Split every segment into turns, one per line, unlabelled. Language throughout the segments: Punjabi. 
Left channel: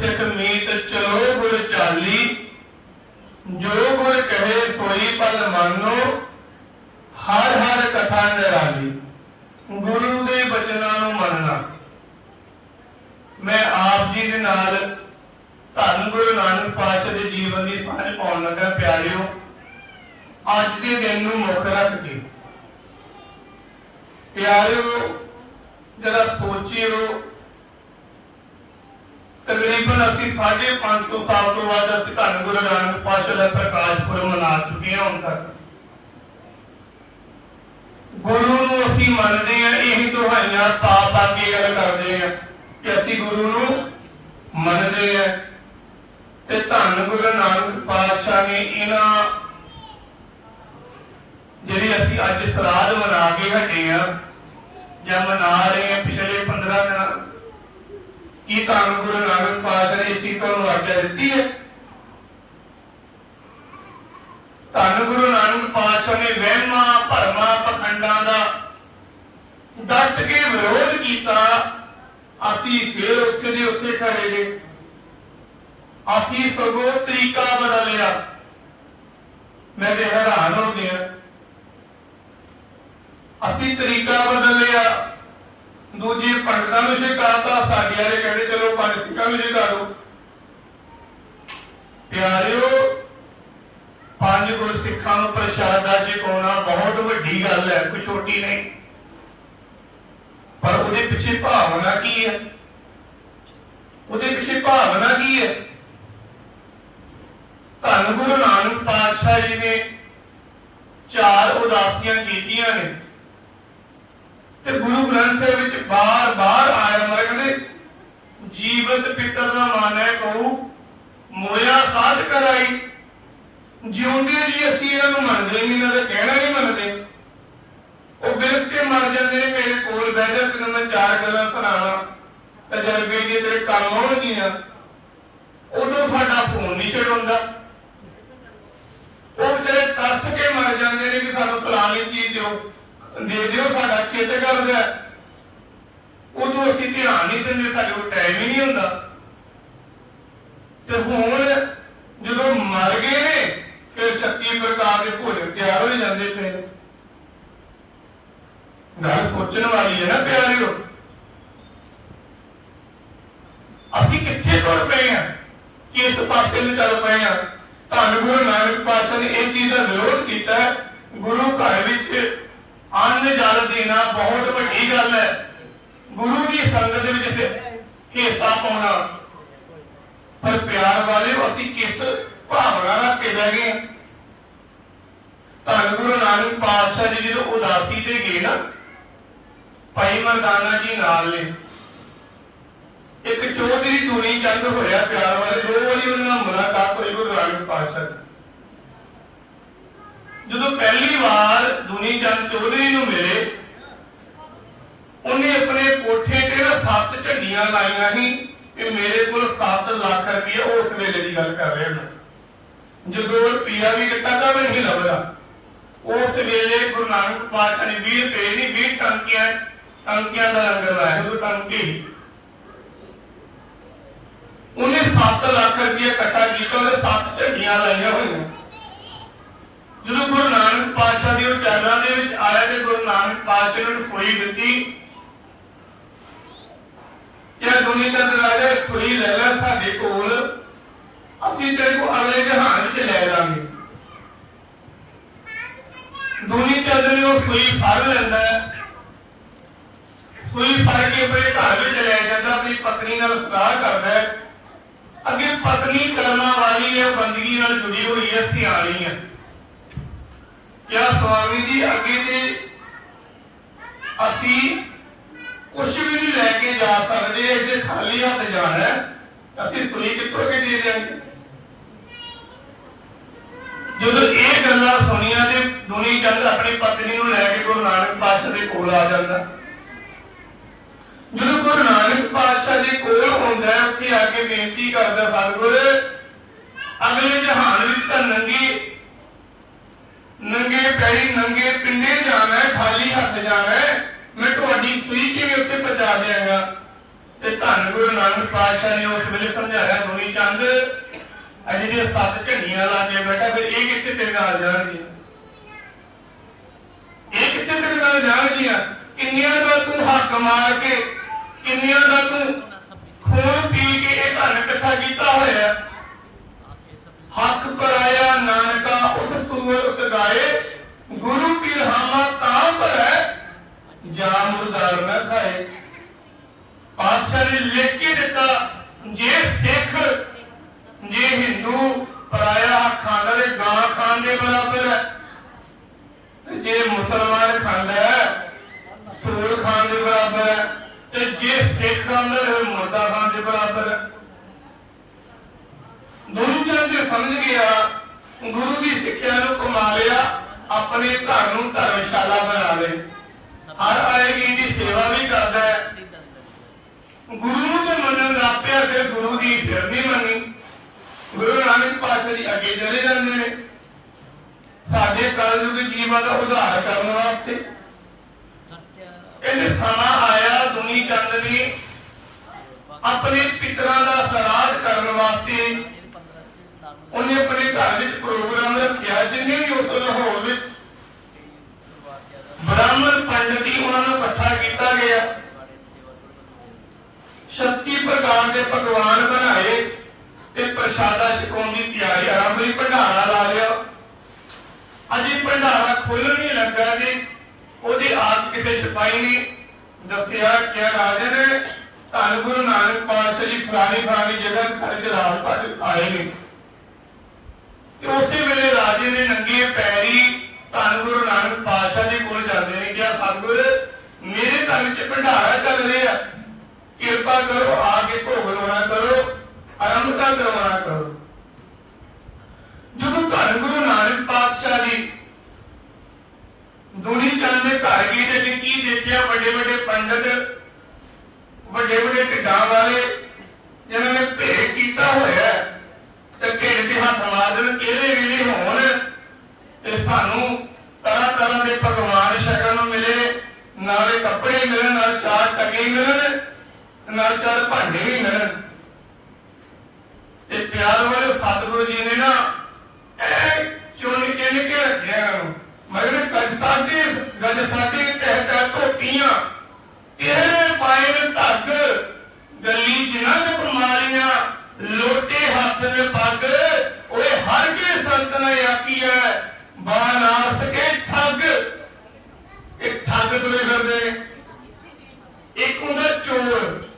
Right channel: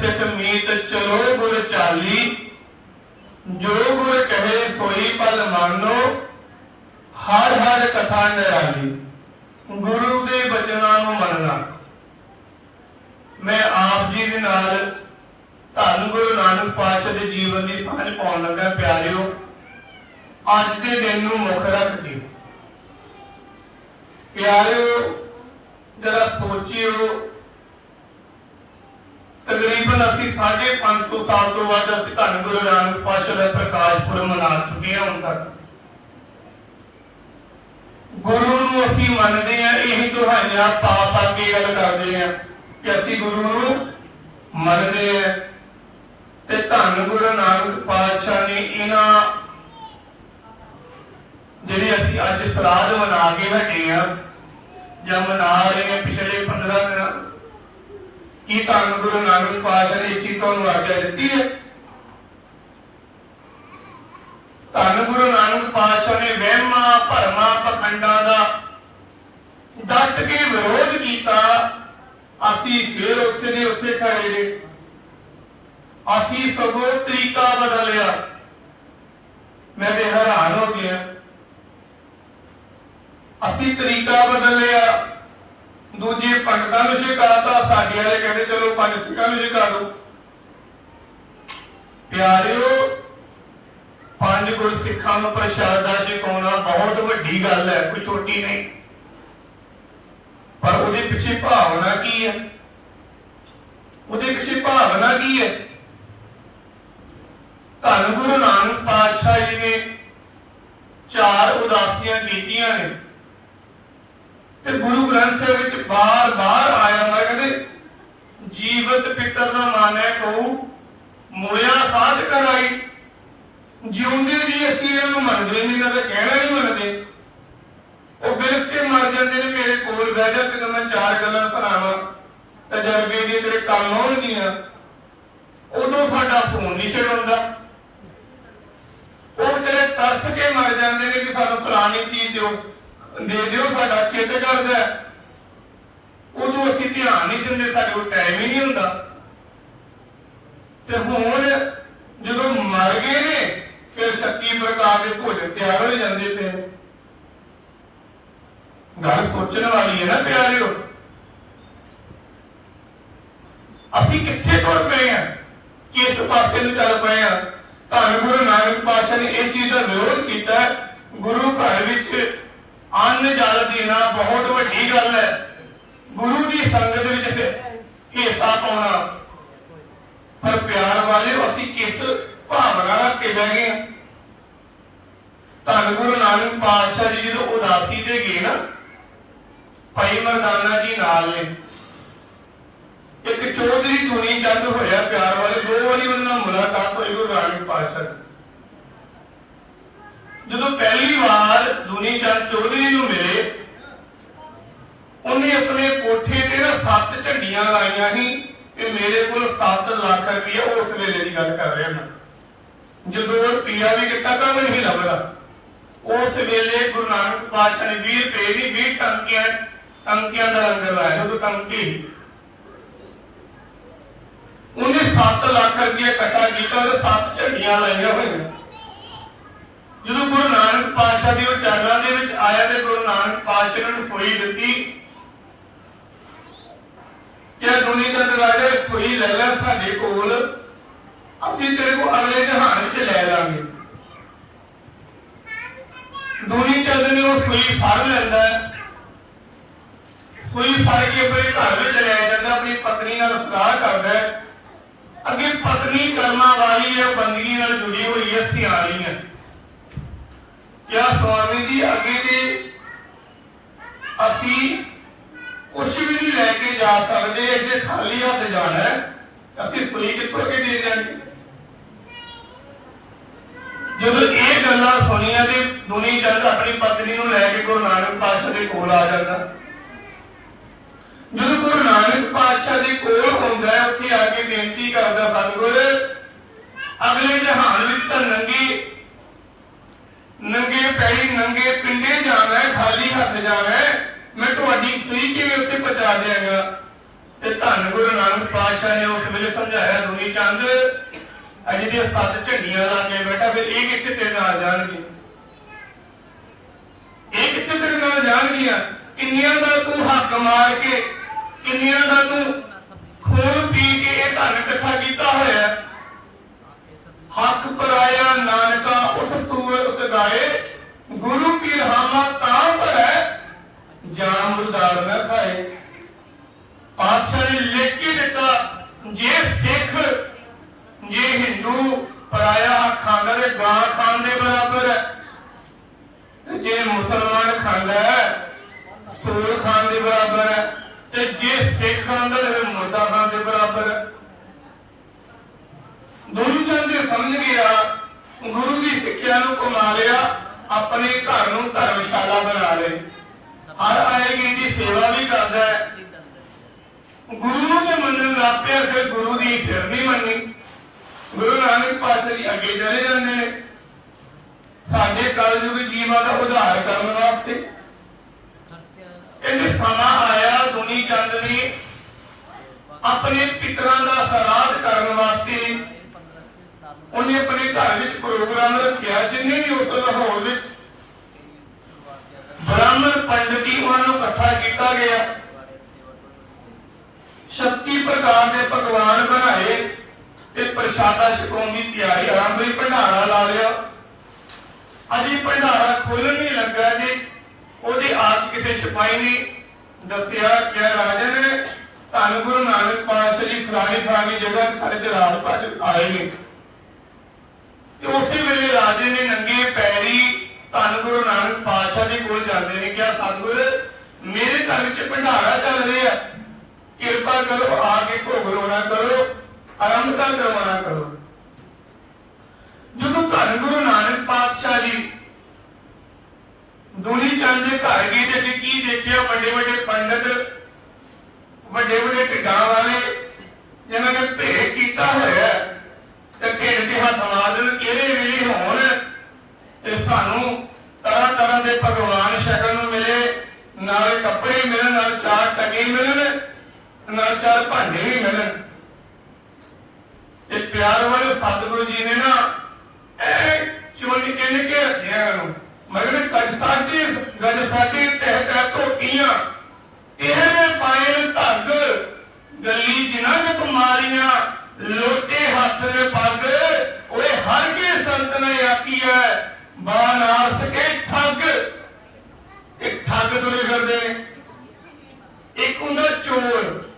ਸਿੱਖ ਮੀਤ ਚਲੋ ਗੁਰ ਚਾਲੀ। ਜੋ ਗੁਰ ਕਹੇ ਸੋਈ ਪਲ ਮੰਨੋ, ਹਰ ਹਰ ਕਥਾ ਨਿਰਾਲੀ। ਗੁਰੂ ਦੇ ਬਚਨਾਂ ਨੂੰ ਮੰਨਣਾ। ਮੈਂ ਆਪ ਜੀ ਦੇ ਨਾਲ ਧੰਨ ਗੁਰੂ ਨਾਨਕ ਪਾਤਸ਼ਾਹ ਦੇ ਜੀਵਨ ਦੀ ਸਾਂਝ ਪਾਉਣ ਲੱਗਾ, ਪਿਆਰਿਓ। ਅੱਜ ਦੇ ਦਿਨ ਨੂੰ ਮੁੱਖ ਰੱਖ ਕੇ। ਪਿਆਰਿਓ, ਜਰਾ ਸੋਚਿਓ ਤਕਰੀਬਨ ਅਸੀਂ 550 ਸਾਲ ਤੋਂ ਬਾਅਦ ਅਸੀਂ ਧੰਨ ਗੁਰੂ ਨਾਨਕ ਪਾਤਸ਼ਾਹ ਦਾ ਪ੍ਰਕਾਸ਼ ਮਨਾ ਚੁੱਕੇ ਹਾਂ ਹੁਣ ਤੱਕ। ਗੁਰੂ ਨੂੰ ਅਸੀਂ ਮੰਨਦੇ ਹਾਂ, ਇਹੀ ਦੁਹਾਈਆਂ ਪਾ ਪਾ ਕੇ ਗੱਲ ਕਰਦੇ ਹਾਂ ਕਿ ਅਸੀਂ ਗੁਰੂ ਨੂੰ ਮੰਨਦੇ ਹਾਂ ਤੇ ਧੰਨ ਗੁਰੂ ਨਾਨਕ ਪਾਤਸ਼ਾਹ ਨੇ ਇਹਨਾਂ ਜਿਹੜੀ ਅਸੀਂ ਅੱਜ ਸਰਾਧ ਮਨਾ ਕੇ ਹਟੇ ਆ ਜਾਂ ਮਨਾ ਰਹੇ ਹਾਂ ਪਿਛਲੇ 15 ਦਿਨਾਂ ਕੀ ਧੰਨ ਗੁਰੂ ਨਾਨਕ ਪਾਤਸ਼ਾਹ ਨੇ ਇਸ ਤੋਂ ਆਗਿਆ ਦਿੱਤੀ ਹੈ? ਧੰਨ ਗੁਰੂ ਨਾਨਕ ਪਾਤਸ਼ਾਹ ਨੇ ਵਹਿਮਾਂ, ਭਰਮਾਂ, ਪਖੰਡਾਂ ਦਾ ਡਟ ਕੇ ਵਿਰੋਧ ਕੀਤਾ। ਅਸੀਂ ਫਿਰ ਉੱਥੇ ਦੇ ਉੱਥੇ ਖੜੇ ਗਏ ਅਸੀਂ ਸਗੋਂ ਤਰੀਕਾ ਬਦਲਿਆ ਮੈਂ ਤੇ ਹੈਰਾਨ ਹੋ ਗਿਆ। ਅਸੀਂ ਤਰੀਕਾ ਬਦਲਿਆ ਦੂਜੇ ਪੰਡਤਾਂ ਨੂੰ ਸ਼ਿਕਾਇਤਾਂ ਸਾਡੇ ਵਾਲੇ ਕਹਿੰਦੇ, ਚਲੋ ਪੰਜ ਸਿੱਖਾਂ ਨੂੰ ਸ਼ਿਕਾਰੋ। ਪਿਆਰਿਓ, ਪੰਜ ਗੁਰ ਸਿੱਖਾਂ ਨੂੰ ਪ੍ਰਸ਼ਾਦਾ ਛਕਾਉਣਾ ਬਹੁਤ ਵੱਡੀ ਗੱਲ ਹੈ, ਕੋਈ ਛੋਟੀ ਨਹੀਂ। ਪਰ ਉਹਦੇ ਪਿੱਛੇ ਭਾਵਨਾ ਕੀ ਹੈ? ਉਹਦੇ ਪਿੱਛੇ ਭਾਵਨਾ ਕੀ ਹੈ? ਧੰਨ ਗੁਰੂ ਨਾਨਕ ਪਾਤਸ਼ਾਹ ਜੀ ਨੇ ਚਾਰ ਉਦਾਸੀਆਂ ਕੀਤੀਆਂ ਨੇ। ਤੇ ਗੁਰੂ ਗ੍ਰੰਥ ਸਾਹਿਬ ਵਿੱਚ ਬਾਰ-ਬਾਰ ਆਇਆ ਮੈਂ ਕਹਿੰਦੇ, ਜੀਵਤ ਪਿੱਤਰ ਦਾ ਮਾਨੈ ਕਹੂ, ਮੋਇਆ ਸਾਧ ਕਰਾਈ। ਜਿਉਂਦੇ ਜੀ ਅਸੀਂ ਇਹਨਾਂ ਨੂੰ ਮੰਨਦੇ ਨਹੀਂ, ਇਹਨਾਂ ਦਾ ਕਹਿਣਾ ਨਹੀਂ ਮੰਨਦੇ। ਉਹ ਬਿਲਕ ਮਰ ਜਾਂਦੇ ਨੇ, ਮੇਰੇ ਕੋਲ ਬਹਿ ਜਾ, ਤੈਨੂੰ ਮੈਂ ਚਾਰ ਗੱਲਾਂ ਸੁਣਾਵਾਂ। ਤਜਰਬੇ ਦੀ ਤੇਰੇ ਕੰਮ ਆਉਣਗੀਆਂ। ਉਦੋਂ ਸਾਡਾ ਫੋਨ ਨਹੀਂ ਛਡਾਉਂਦਾ। ਉਹ ਵਿਚਾਰੇ ਤਰਸ ਕੇ ਮਰ ਜਾਂਦੇ ਨੇ ਕਿ ਸਾਨੂੰ ਫਲਾਣੀ ਚੀਜ਼ ਦਿਓ। ਦਿਓ, ਸਾਡਾ ਚਿੱਤ ਕਰਦਾ ਉਦੋਂ ਅਸੀਂ ਧਿਆਨ ਨਹੀਂ ਦਿੰਦੇ, ਸਾਡੇ ਕੋਲ ਟਾਈਮ ਹੀ ਨਹੀਂ ਹੁੰਦਾ। ਤੇ ਹੁਣ ਜਦੋਂ ਮਰ ਗਏ ਨੇ, ਫਿਰ ਸ਼ਕਤੀ ਪ੍ਰਕਾਰ ਦੇ ਭੋਜਨ ਤਿਆਰ ਹੋ ਜਾਂਦੇ ਪਏ ਗੱਲ ਸੋਚਣ ਵਾਲੀ ਹੈ ਨਾ, ਪਿਆਰਿਓ। ਅਸੀਂ ਕਿੱਥੇ ਤੁਰ ਪਏ ਆ ਕਿਸ ਪਾਸੇ ਨੂੰ ਚੱਲ ਪਏ ਆ ਧੰਨ ਗੁਰੂ ਨਾਨਕ ਪਾਤਸ਼ਾਹ ਨੇ ਇਹ ਚੀਜ਼ ਦਾ ਵਿਰੋਧ ਕੀਤਾ ਗੁਰੂ ਘਰ ਵਿੱਚ ਅੰਨ ਜਲ ਦੇਣਾ ਬਹੁਤ ਵੱਡੀ ਗੱਲ ਹੈ। ਗੁਰੂ ਦੀ ਸੰਗਤ ਦੇ ਵਿੱਚ ਹਿੱਸਾ ਪਾਉਣਾ। ਪਰ ਪਿਆਰ ਵਾਲੇ ਅਸੀਂ ਕਿਸ ਭਾਵਨਾ ਨਾਲ ਕੇ ਗਏ ਧੰਨ ਗੁਰੂ ਨਾਨਕ ਪਾਤਸ਼ਾਹ ਜੀ ਜਦੋਂ ਉਦਾਸੀ ਤੇ ਗਏ ਨਾ, ਭਾਈ ਮਰਦਾਨਾ ਜੀ ਨਾਲ ਨੇ। ਇੱਕ ਚੌਧਰੀ ਧੁਨੀ ਚੰਦ ਹੋਇਆ ਪਿਆਰ ਵਾਲੇ, ਦੋ ਵਾਰੀ ਉਹਨਾਂ ਨਾਲ ਮੁਲਾਕਾਤ ਹੋਈ ਗੁਰੂ ਨਾਨਕ ਪਾਤਸ਼ਾਹ ਜਦੋਂ ਪਹਿਲੀ ਵਾਰ ਧੁਨੀ ਚੰਦ ਚੌਧਰੀ ਨੂੰ ਮਿਲੇ, ਉਹਨੇ ਆਪਣੇ ਕੋਠੇ ਤੇ ਨਾ ਸੱਤ ਝੰਡੀਆਂ ਲਾਈਆਂ ਸੀ ਕਿ ਮੇਰੇ ਕੋਲ 7 ਲੱਖ ਰੁਪਏ ਉਸ ਵੇਲੇ ਦੀ ਗੱਲ ਕਰ ਰਿਹਾ ਹਾਂ ਜਦੋਂ ਰੁਪਿਆ ਵੀ ਕਿਤਾ ਤਾਂ ਨਹੀਂ ਲੱਭਦਾ। ਉਸ ਵੇਲੇ ਗੁਰੂ ਨਾਨਕ ਪਾਤਸ਼ਾਹ ਨੇ 20 ਰੁਪਏ ਦੀ 20 ਟੰਕਿਆਂ, ਟੰਕੀਆਂ ਦਾ ਲੰਗਰ ਲਾਇਆ ਉਹ ਟੰਕੀ ਉਹਨੇ 7 ਲੱਖ ਰੁਪਏ ਇਕੱਠਾ ਕੀਤਾ, ਉਹਦੇ ਸੱਤ ਝੰਡੀਆਂ ਲਾਈਆਂ ਹੋਈਆਂ। ਜਦੋਂ ਗੁਰੂ ਨਾਨਕ ਪਾਤਸ਼ਾਹ ਦੇ ਉਹ ਚਰਨਾਂ ਦੇ ਵਿੱਚ ਆਇਆ ਤੇ ਗੁਰੂ ਨਾਨਕ ਪਾਤਸ਼ਾਹ ਨੂੰ ਸੋਈ ਦਿੱਤੀ। ਕਿ ਦੁਨੀਆ ਦਾ ਦਰਾਜਾ ਸੋਈ ਲੈ ਲੈ ਸਾਡੇ ਕੋਲ, ਅਸੀਂ ਤੇਰੇ ਕੋ ਅਗਲੇ ਜਹਾਨ ਵਿੱਚ ਲੈ ਲਾਂਗੇ। ਦੁਨੀਆ ਚੰਦ ਨੇ ਉਹ ਸੂਈ ਫੜ ਲੈਂਦਾ ਹੈ। ਸੂਈ ਫੜ ਕੇ ਆਪਣੇ ਘਰ ਵਿੱਚ ਲੈ ਜਾਂਦਾ, ਆਪਣੀ ਪਤਨੀ ਨਾਲ ਸਲਾਹ ਕਰਦਾ ਅੱਗੇ ਪਤਨੀ ਕਰਮਾਂ ਵਾਲੀ ਹੈ ਬੰਦਗੀ ਨਾਲ ਜੁੜੀ ਹੋਈ ਹੈ, ਸਿਆਣੀ ਹੈ। ਕਿਆ ਸਵਾਮੀ ਜੀ, ਅੱਗੇ ਤੇ ਅਸੀਂ ਕੁਝ ਵੀ ਨਹੀਂ ਲੈ ਕੇ ਜਾ ਸਕਦੇ, ਇੱਥੇ ਖਾਲੀ ਹੱਥ ਜਾਣਾ ਅਸੀਂ ਸੂਈ ਕਿੱਥੋਂ ਕੇ ਦੇ ਦਿਆਂਗੇ ਜਦੋਂ ਇਹ ਗੱਲਾਂ ਸੁਣੀਆਂ ਤੇ ਦੁਨੀ ਚੰਦ ਆਪਣੀ ਪਤਨੀ ਨੂੰ ਲੈ ਕੇ ਗੁਰੂ ਨਾਨਕ ਪਾਤਸ਼ਾਹ ਦੇ ਕੋਲ ਆ ਜਾਂਦਾ। ਜਦੋਂ ਗੁਰੂ ਨਾਨਕ ਪਾਤਸ਼ਾਹ ਦੇ ਕੋਲ ਹੁੰਦਾ ਹੈ, ਉੱਥੇ ਆ ਕੇ ਬੇਨਤੀ ਕਰਦਾ, ਸਤਿਗੁਰ, ਅਗਲੇ ਜਹਾਨ ਵਿੱਚ ਤਾਂ ਨੰਗੀ ਨੰਗੇ ਨੰਗੇ ਪਿੰਡੇ ਜਾਣਾ ਹੈ, ਖਾਲੀ ਹੱਥ ਜਾਣਾ ਹੈ। ਮੈਂ ਤੁਹਾਡੀ ਸੂਈ ਕਿਵੇਂ ਉੱਥੇ ਪਹੁੰਚਾ ਦਿਆਂਗਾ? ਤੇ ਧੰਨ ਗੁਰੂ ਨਾਨਕ ਪਾਤਸ਼ਾਹ ਨੇ ਉਸ ਵੇਲੇ ਸਮਝਾਇਆ, ਦੁਨੀ ਚੰਦ, ਅਜੇ ਦੀਆਂ ਸੱਤ ਝੰਡੀਆਂ ਲਾ ਕੇ ਫਿਰ ਇਹ ਕਿੱਥੇ ਤੇਰੇ ਨਾਲ ਜਾਣਗੇ? ਇਹ ਕਿੱਥੇ ਤੇਰੇ ਨਾਲ ਜਾਣਗੀਆਂ? ਕਿੰਨੀਆਂ ਦਾ ਤੂੰ ਹੱਕ ਮਾਰ ਕੇ, ਕਿੰਨੀਆਂ ਦਾ ਤੂੰ ਖੂਨ ਪੀ ਕੇ ਇਹ ਧਨ ਇਕੱਠਾ ਕੀਤਾ ਹੋਇਆ? ਹੱਕ ਪਰਾਇਆ ਨਾਨਕਾ ਉਸ ਸੂਰ ਉਸ ਗਾਏ ਗੁਰੂ ਕੀ ਰਹਾਮਾ ਤਾਂ ਭਰੈ ਜਾ ਮੁਰਦਾਰ ਨਾ ਖਾਏ। ਪਾਤਸ਼ਾਹ ਨੇ ਲਿਖ ਕੇ ਦਿੱਤਾ ਜੇ ਸਿੱਖ ਜੇ ਹਿੰਦੂ ਪਰਾਇਆ ਖਾਂਦਾ ਤੇ ਗਾਂ ਖਾਣ ਦੇ ਬਰਾਬਰ ਹੈ ਤੇ ਜੇ ਮੁਸਲਮਾਨ ਖਾਂਦਾ ਹੈ ਸੂਰ ਖਾਣ ਦੇ ਬਰਾਬਰ ਹੈ ਤੇ ਜੇ ਸਿੱਖ ਖਾਂਦਾ ਤੇ ਮੁਰਦਾ ਖਾਣ ਦੇ ਬਰਾਬਰ ਹੈ ਦੋਨੋਂ ਚੰਦ ਦੇ ਸਮਝ ਗਿਆ ਗੁਰੂ ਦੀ ਸਿੱਖਿਆ ਨੂੰ ਕਮਾ ਲਿਆ ਆਪਣੇ ਘਰ ਨੂੰ ਧਰਮਸ਼ਾਲਾ ਬਣਾ ਲਏ ਹਰ ਆਏਗੀ ਦੀ ਸੇਵਾ ਵੀ ਕਰਦਾ ਹੈ ਗੁਰੂ ਨੂੰ ਜੇ ਮੰਨਣ ਲੱਗ ਪਿਆ ਫਿਰ ਗੁਰੂ ਦੀ ਫਿਰ ਨਹੀਂ ਮੰਨੀ ਗੁਰੂ ਨਾਨਕ ਪਾਤਸ਼ਾਹ ਜੀ ਅੱਗੇ ਚਲੇ ਜਾਂਦੇ ਨੇ ਸਾਡੇ ਕਲਯੁਗ ਜੀਵਾਂ ਦਾ ਉਧਾਰ ਕਰਨ ਵਾਸਤੇ ਕਹਿੰਦੇ ਸਮਾਂ ਆਇਆ, ਦੁਨੀ ਚੰਦ ਨੇ ਆਪਣੇ ਪਿਤਰਾਂ ਦਾ ਸਰਾਧ ਕਰਨ ਵਾਸਤੇ ਉਹਨੇ ਆਪਣੇ ਘਰ ਵਿੱਚ ਪ੍ਰੋਗਰਾਮ ਰੱਖਿਆ, ਜਿੰਨੇ ਵੀ ਉਸ ਲਾਹੌਰ ਵਿੱਚ ਬ੍ਰਾਹਮਣ ਪੰਡਤੀ ਉਹਨਾਂ ਨੂੰ ਇਕੱਠਾ ਕੀਤਾ ਗਿਆ। 36 ਪ੍ਰਕਾਰ ਦੇ ਪਕਵਾਨ ਬਣਾਏ ਤੇ ਪ੍ਰਸ਼ਾਦਾ ਛਕਾਉਣ ਦੀ ਤਿਆਰੀ ਆਰੰਭੀ ਭੰਡਾਰਾ ਲਾ ਲਿਆ। ਅਜੇ ਭੰਡਾਰਾ ਖੋਲ੍ਹਣ ਨਹੀਂ ਲੱਗਾ ਜੀ, ਉਹਦੀ ਆਪ ਕਿਸੇ ਸਿਪਾਹੀ ਨੇ ਦੱਸਿਆ ਕਿ ਰਾਜਨ ਧੰਨ ਗੁਰੂ ਨਾਨਕ ਪਾਤਸ਼ਾਹ ਜੀ ਫਲਾਣੀ ਫਲਾਣੀ ਜਗ੍ਹਾ ਤੇ ਸਾਡੇ ਭੱਜ ਆਏ ਨੇ। ਤੇ ਉਸੇ ਵੇਲੇ ਰਾਜੇ ਨੇ ਨੰਗੇ ਪੈਰੀ ਧੰਨ ਗੁਰੂ ਨਾਨਕ ਪਾਤਸ਼ਾਹ ਦੇ ਕੋਲ ਜਾਂਦੇ ਨੇ, ਕਿਹਾ, ਸਤਿਗੁਰ, ਮੇਰੇ ਘਰ ਵਿੱਚ ਭੰਡਾਰਾ ਚੱਲ ਰਿਹਾ ਕਿਰਪਾ ਕਰੋ, ਆ ਕੇ ਭੋਗ ਲਾਉਣਾ ਕਰੋ ਆਰੰਭਤਾ ਕਰਵਾਉਣਾ ਕਰੋ। ਜਦੋਂ ਧੰਨ ਗੁਰੂ ਨਾਨਕ ਪਾਤਸ਼ਾਹ ਜੀ ਦੁਨੀ ਚੰਦ ਦੇ ਘਰ ਗਏ ਤੇ ਵੀ ਕੀ ਦੇਖਿਆ, ਵੱਡੇ ਵੱਡੇ ਪੰਡਤ, ਵੱਡੇ ਵੱਡੇ ਢਿੱਡਾਂ ਵਾਲੇ, ਜਿਨ੍ਹਾਂ ਨੇ ਭੇਟ ਕੀਤਾ ਹੋਇਆ ਤੇ ਢਿੱਡ ਤੇ ਹੱਥ ਮਾਰ ਕਿਹੜੇ ਵੇਲੇ ਹੋਣ ਇਹ ਸਾਨੂੰ ਤਰ੍ਹਾਂ ਤਰ੍ਹਾਂ ਦੇ ਭਗਵਾਨ ਸ਼ਕਲ ਨੂੰ ਮਿਲੇ, ਨਾਲੇ ਕੱਪੜੇ ਮਿਲਣ, ਨਾਲ ਚਾਰ ਟਕੇ ਮਿਲਣ, ਨਾਲ ਚਾਰ ਭਾਂਡੇ ਵੀ ਮਿਲਣ। ਇਹ ਪਿਆਰ ਵਾਲੇ ਸਤਿਗੁਰੂ ਜੀ ਨੇ ਨਾ ਇਹ ਚੁਣ ਕੇ ਨਿਕੇ ਰੱਖਿਆ ਕਰੋ। ਮਗਰ ਗੱਜ ਸਾਡੀ ਗੱਜ ਸਾਡੀ ਤਹਿ ਤਹਿ ਧੋਤੀਆਂ ਇਹਨੇ ਪਾਏ ਨੇ ਧੱਗ ਗੱਲੀ ਜਿਨ੍ਹਾਂ ਨੇ ਬਿਮਾਰੀਆਂ ਲੋਟੇ ਹੱਥ ਨੇ ਪੱਗ ਓਏ ਹਰ ਕੇ ਸੰਤ ਨੇ ਆਖੀ ਹੈ ਬਾਨਾਸ ਕੇ ਠੱਗ ਇਹ ਠੱਗ ਤੁਰੇ ਫਿਰਦੇ ਨੇ ਇੱਕ ਹੁੰਦਾ ਚੋਰ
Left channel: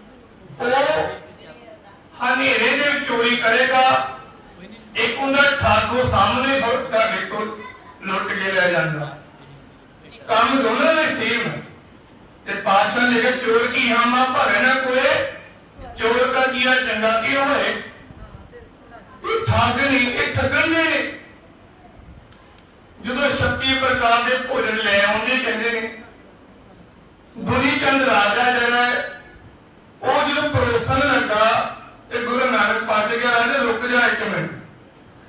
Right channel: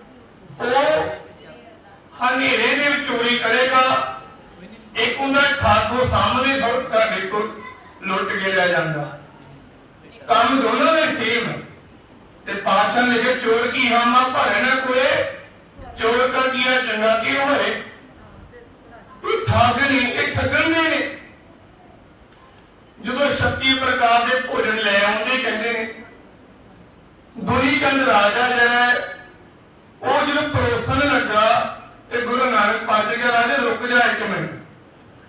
ਉਹ ਹਨੇਰੇ ਦੇ ਵਿੱਚ ਚੋਰੀ ਕਰੇਗਾ ਇੱਕ ਹੁੰਦਾ ਠੱਗ ਉਹ ਸਾਹਮਣੇ ਫੜ ਤੁਹਾਡੇ ਕੋਲ ਲੁੱਟ ਕੇ ਲੈ ਜਾਂਦਾ ਕੰਮ ਦੋਨਾਂ ਦਾ ਸੇਮ ਹੈ ਤੇ ਪਾਤਸ਼ਾਹ ਨੇ ਕਿਹਾ, ਚੋਰ ਕੀ ਹਾਮਾ ਭਰੇ ਨਾ ਕੋਏ। ਚੋਰ ਦਾ ਕੀਆ ਚੰਗਾ ਕੀ ਹੋਏ? ਇਹ ਠੱਗ ਨਹੀਂ, ਇਹ ਠੱਗਣਗੇ ਨੇ। ਜਦੋਂ 36 ਪ੍ਰਕਾਰ ਦੇ ਭੋਜਨ ਲੈ ਆਉਂਦੇ, ਕਹਿੰਦੇ ਨੇ ਦੁਨੀ ਚੰਦ ਰਾਜਾ ਜਿਹੜਾ ਉਹ ਜਦੋਂ ਪਰੋਸਣ ਲੱਗਾ, ਤੇ ਗੁਰੂ ਨਾਨਕ ਪਾਤਸ਼ਾਹ ਕੇ ਰਾਜਾ, ਰੁਕ ਜਾ ਇੱਕ ਮਿੰਟ।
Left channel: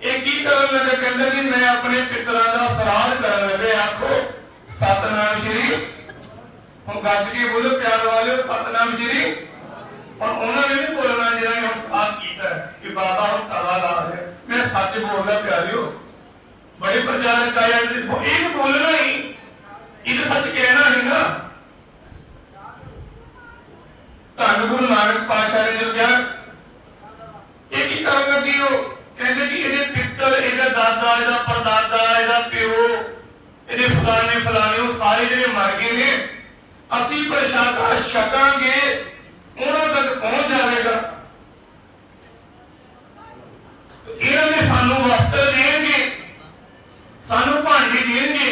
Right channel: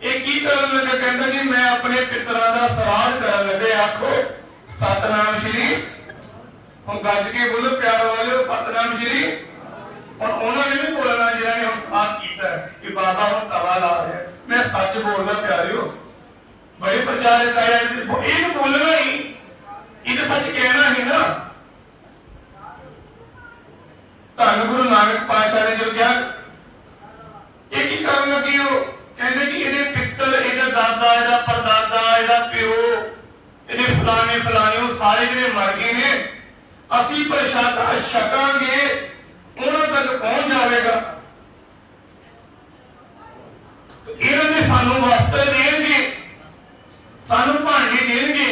ਇਹ ਕੀ ਕਰਨ ਲੱਗਾ? ਕਹਿੰਦਾ, ਜੀ, ਮੈਂ ਆਪਣੇ ਪਿਤਰਾਂ ਦਾ ਸਰਾਧ ਕਰਨ ਲੱਗੇ, ਆਖੋ ਸਤਨਾਮ ਸ਼੍ਰੀ। ਹੁਣ ਗੱਜ ਕੇ ਬੋਲੋ, ਪਿਆਰ ਵਾਲਿਓ, ਸਤਨਾਮ ਸ਼੍ਰੀ। ਹੁਣ ਉਹਨਾਂ ਨੇ ਵੀ ਬੋਲਣਾ ਜਿਹੜਾ ਨੇ ਹੁਣ ਸਾਥ ਕੀਤਾ ਕਿ ਬਾਬਾ ਹੁਣ ਤਵਾ ਲਾ ਰਿਹਾ ਮੈਂ ਸੱਚ ਬੋਲਦਾ ਪਿਆਰਿਓ, ਬੜੇ ਪ੍ਰਚਾਰਕ ਆਏ ਇਹ ਬੋਲਣਾ ਹੀ। ਇਹ ਸੱਚ ਕਹਿਣਾ ਨਹੀਂ ਨਾ ਧੰਨ ਗੁਰੂ ਨਾਨਕ ਪਾਤਸ਼ਾਹ ਨੇ ਜੋ ਕਿਹਾ ਇਹ ਕੀ ਕਰਨ ਲੱਗੀ ਹੋ ਕਹਿੰਦੇ ਕਿ ਇਹਦੇ ਪਿੱਤਰ ਇਹਦਾ ਦਾਦਾ ਇਹਦਾ ਪਰਦਾਦਾ ਇਹਦਾ ਪਿਓ ਇਹਦੇ ਫਲਾਣੇ ਫਲਾਣੇ ਉਹ ਸਾਰੇ ਜਿਹੜੇ ਮਰ ਗਏ ਨੇ ਅਸੀਂ ਪ੍ਰਸ਼ਾਦਾ ਛਕਾਂਗੇ ਉਹਨਾਂ ਤੱਕ ਪਹੁੰਚ ਜਾਵੇਗਾ ਤੇ ਇਹਨਾਂ ਨੇ ਸਾਨੂੰ ਵਸਤਰ ਦੇਣਗੇ ਸਾਨੂੰ ਭਾਂਡੇ ਦੇਣਗੇ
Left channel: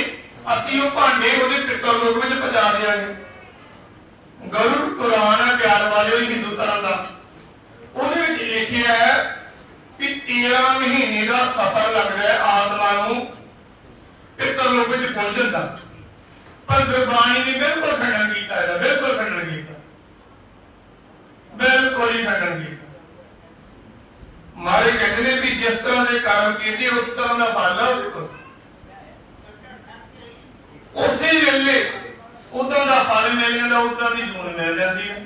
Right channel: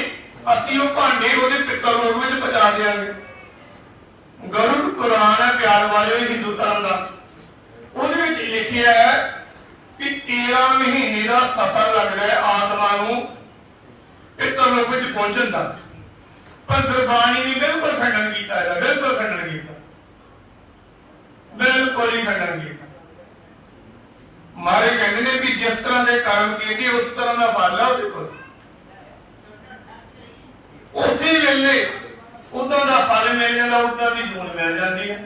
ਅਸੀਂ ਉਹ ਭਾਂਡੇ ਉਹਦੇ ਪਿੱਤਰ ਲੋਕ ਵਿੱਚ ਪਹੁੰਚਾ ਦੇਵਾਂਗੇ ਗਰੁੜ ਕੁਰਾਨ ਹੈ ਪਿਆਰ ਵਾਲੇ ਹਿੰਦੂ ਧਰਮ ਦਾ ਉਹਦੇ ਵਿੱਚ ਲਿਖਿਆ ਹੈ ਕਿ 13 ਮਹੀਨੇ ਦਾ ਸਫ਼ਰ ਲੱਗਦਾ ਹੈ ਆਤਮਾ ਨੂੰ ਪਿੱਤਰ ਲੋਕ ਵਿੱਚ ਪਹੁੰਚਣ ਦਾ ਪਰ ਗੁਰਬਾਣੀ ਨੇ ਬਿਲਕੁਲ ਖੰਡਨ ਕੀਤਾ ਇਹਦਾ, ਬਿਲਕੁਲ ਖੰਡਨ ਕੀਤਾ। ਬਿਲਕੁਲ ਹੀ ਖੰਡਨ ਕੀਤਾ। ਮਾਰੇ ਕਹਿੰਦੇ ਨੇ ਕਿ ਜਿਸ ਤਰ੍ਹਾਂ ਦੇ ਕਰਮ ਕੀਤੇ, ਉਸ ਤਰ੍ਹਾਂ ਦਾ ਫਲ ਹੈ ਉਹਦੇ ਕੋਲ। ਉਸੇ ਵੇਲੇ ਉਦੋਂ ਦਾ ਫਲ ਮਿਲ ਜਾਂਦਾ ਉਦੋਂ ਦੀ ਜੂਨ ਮਿਲ ਜਾਂਦੀ ਹੈ।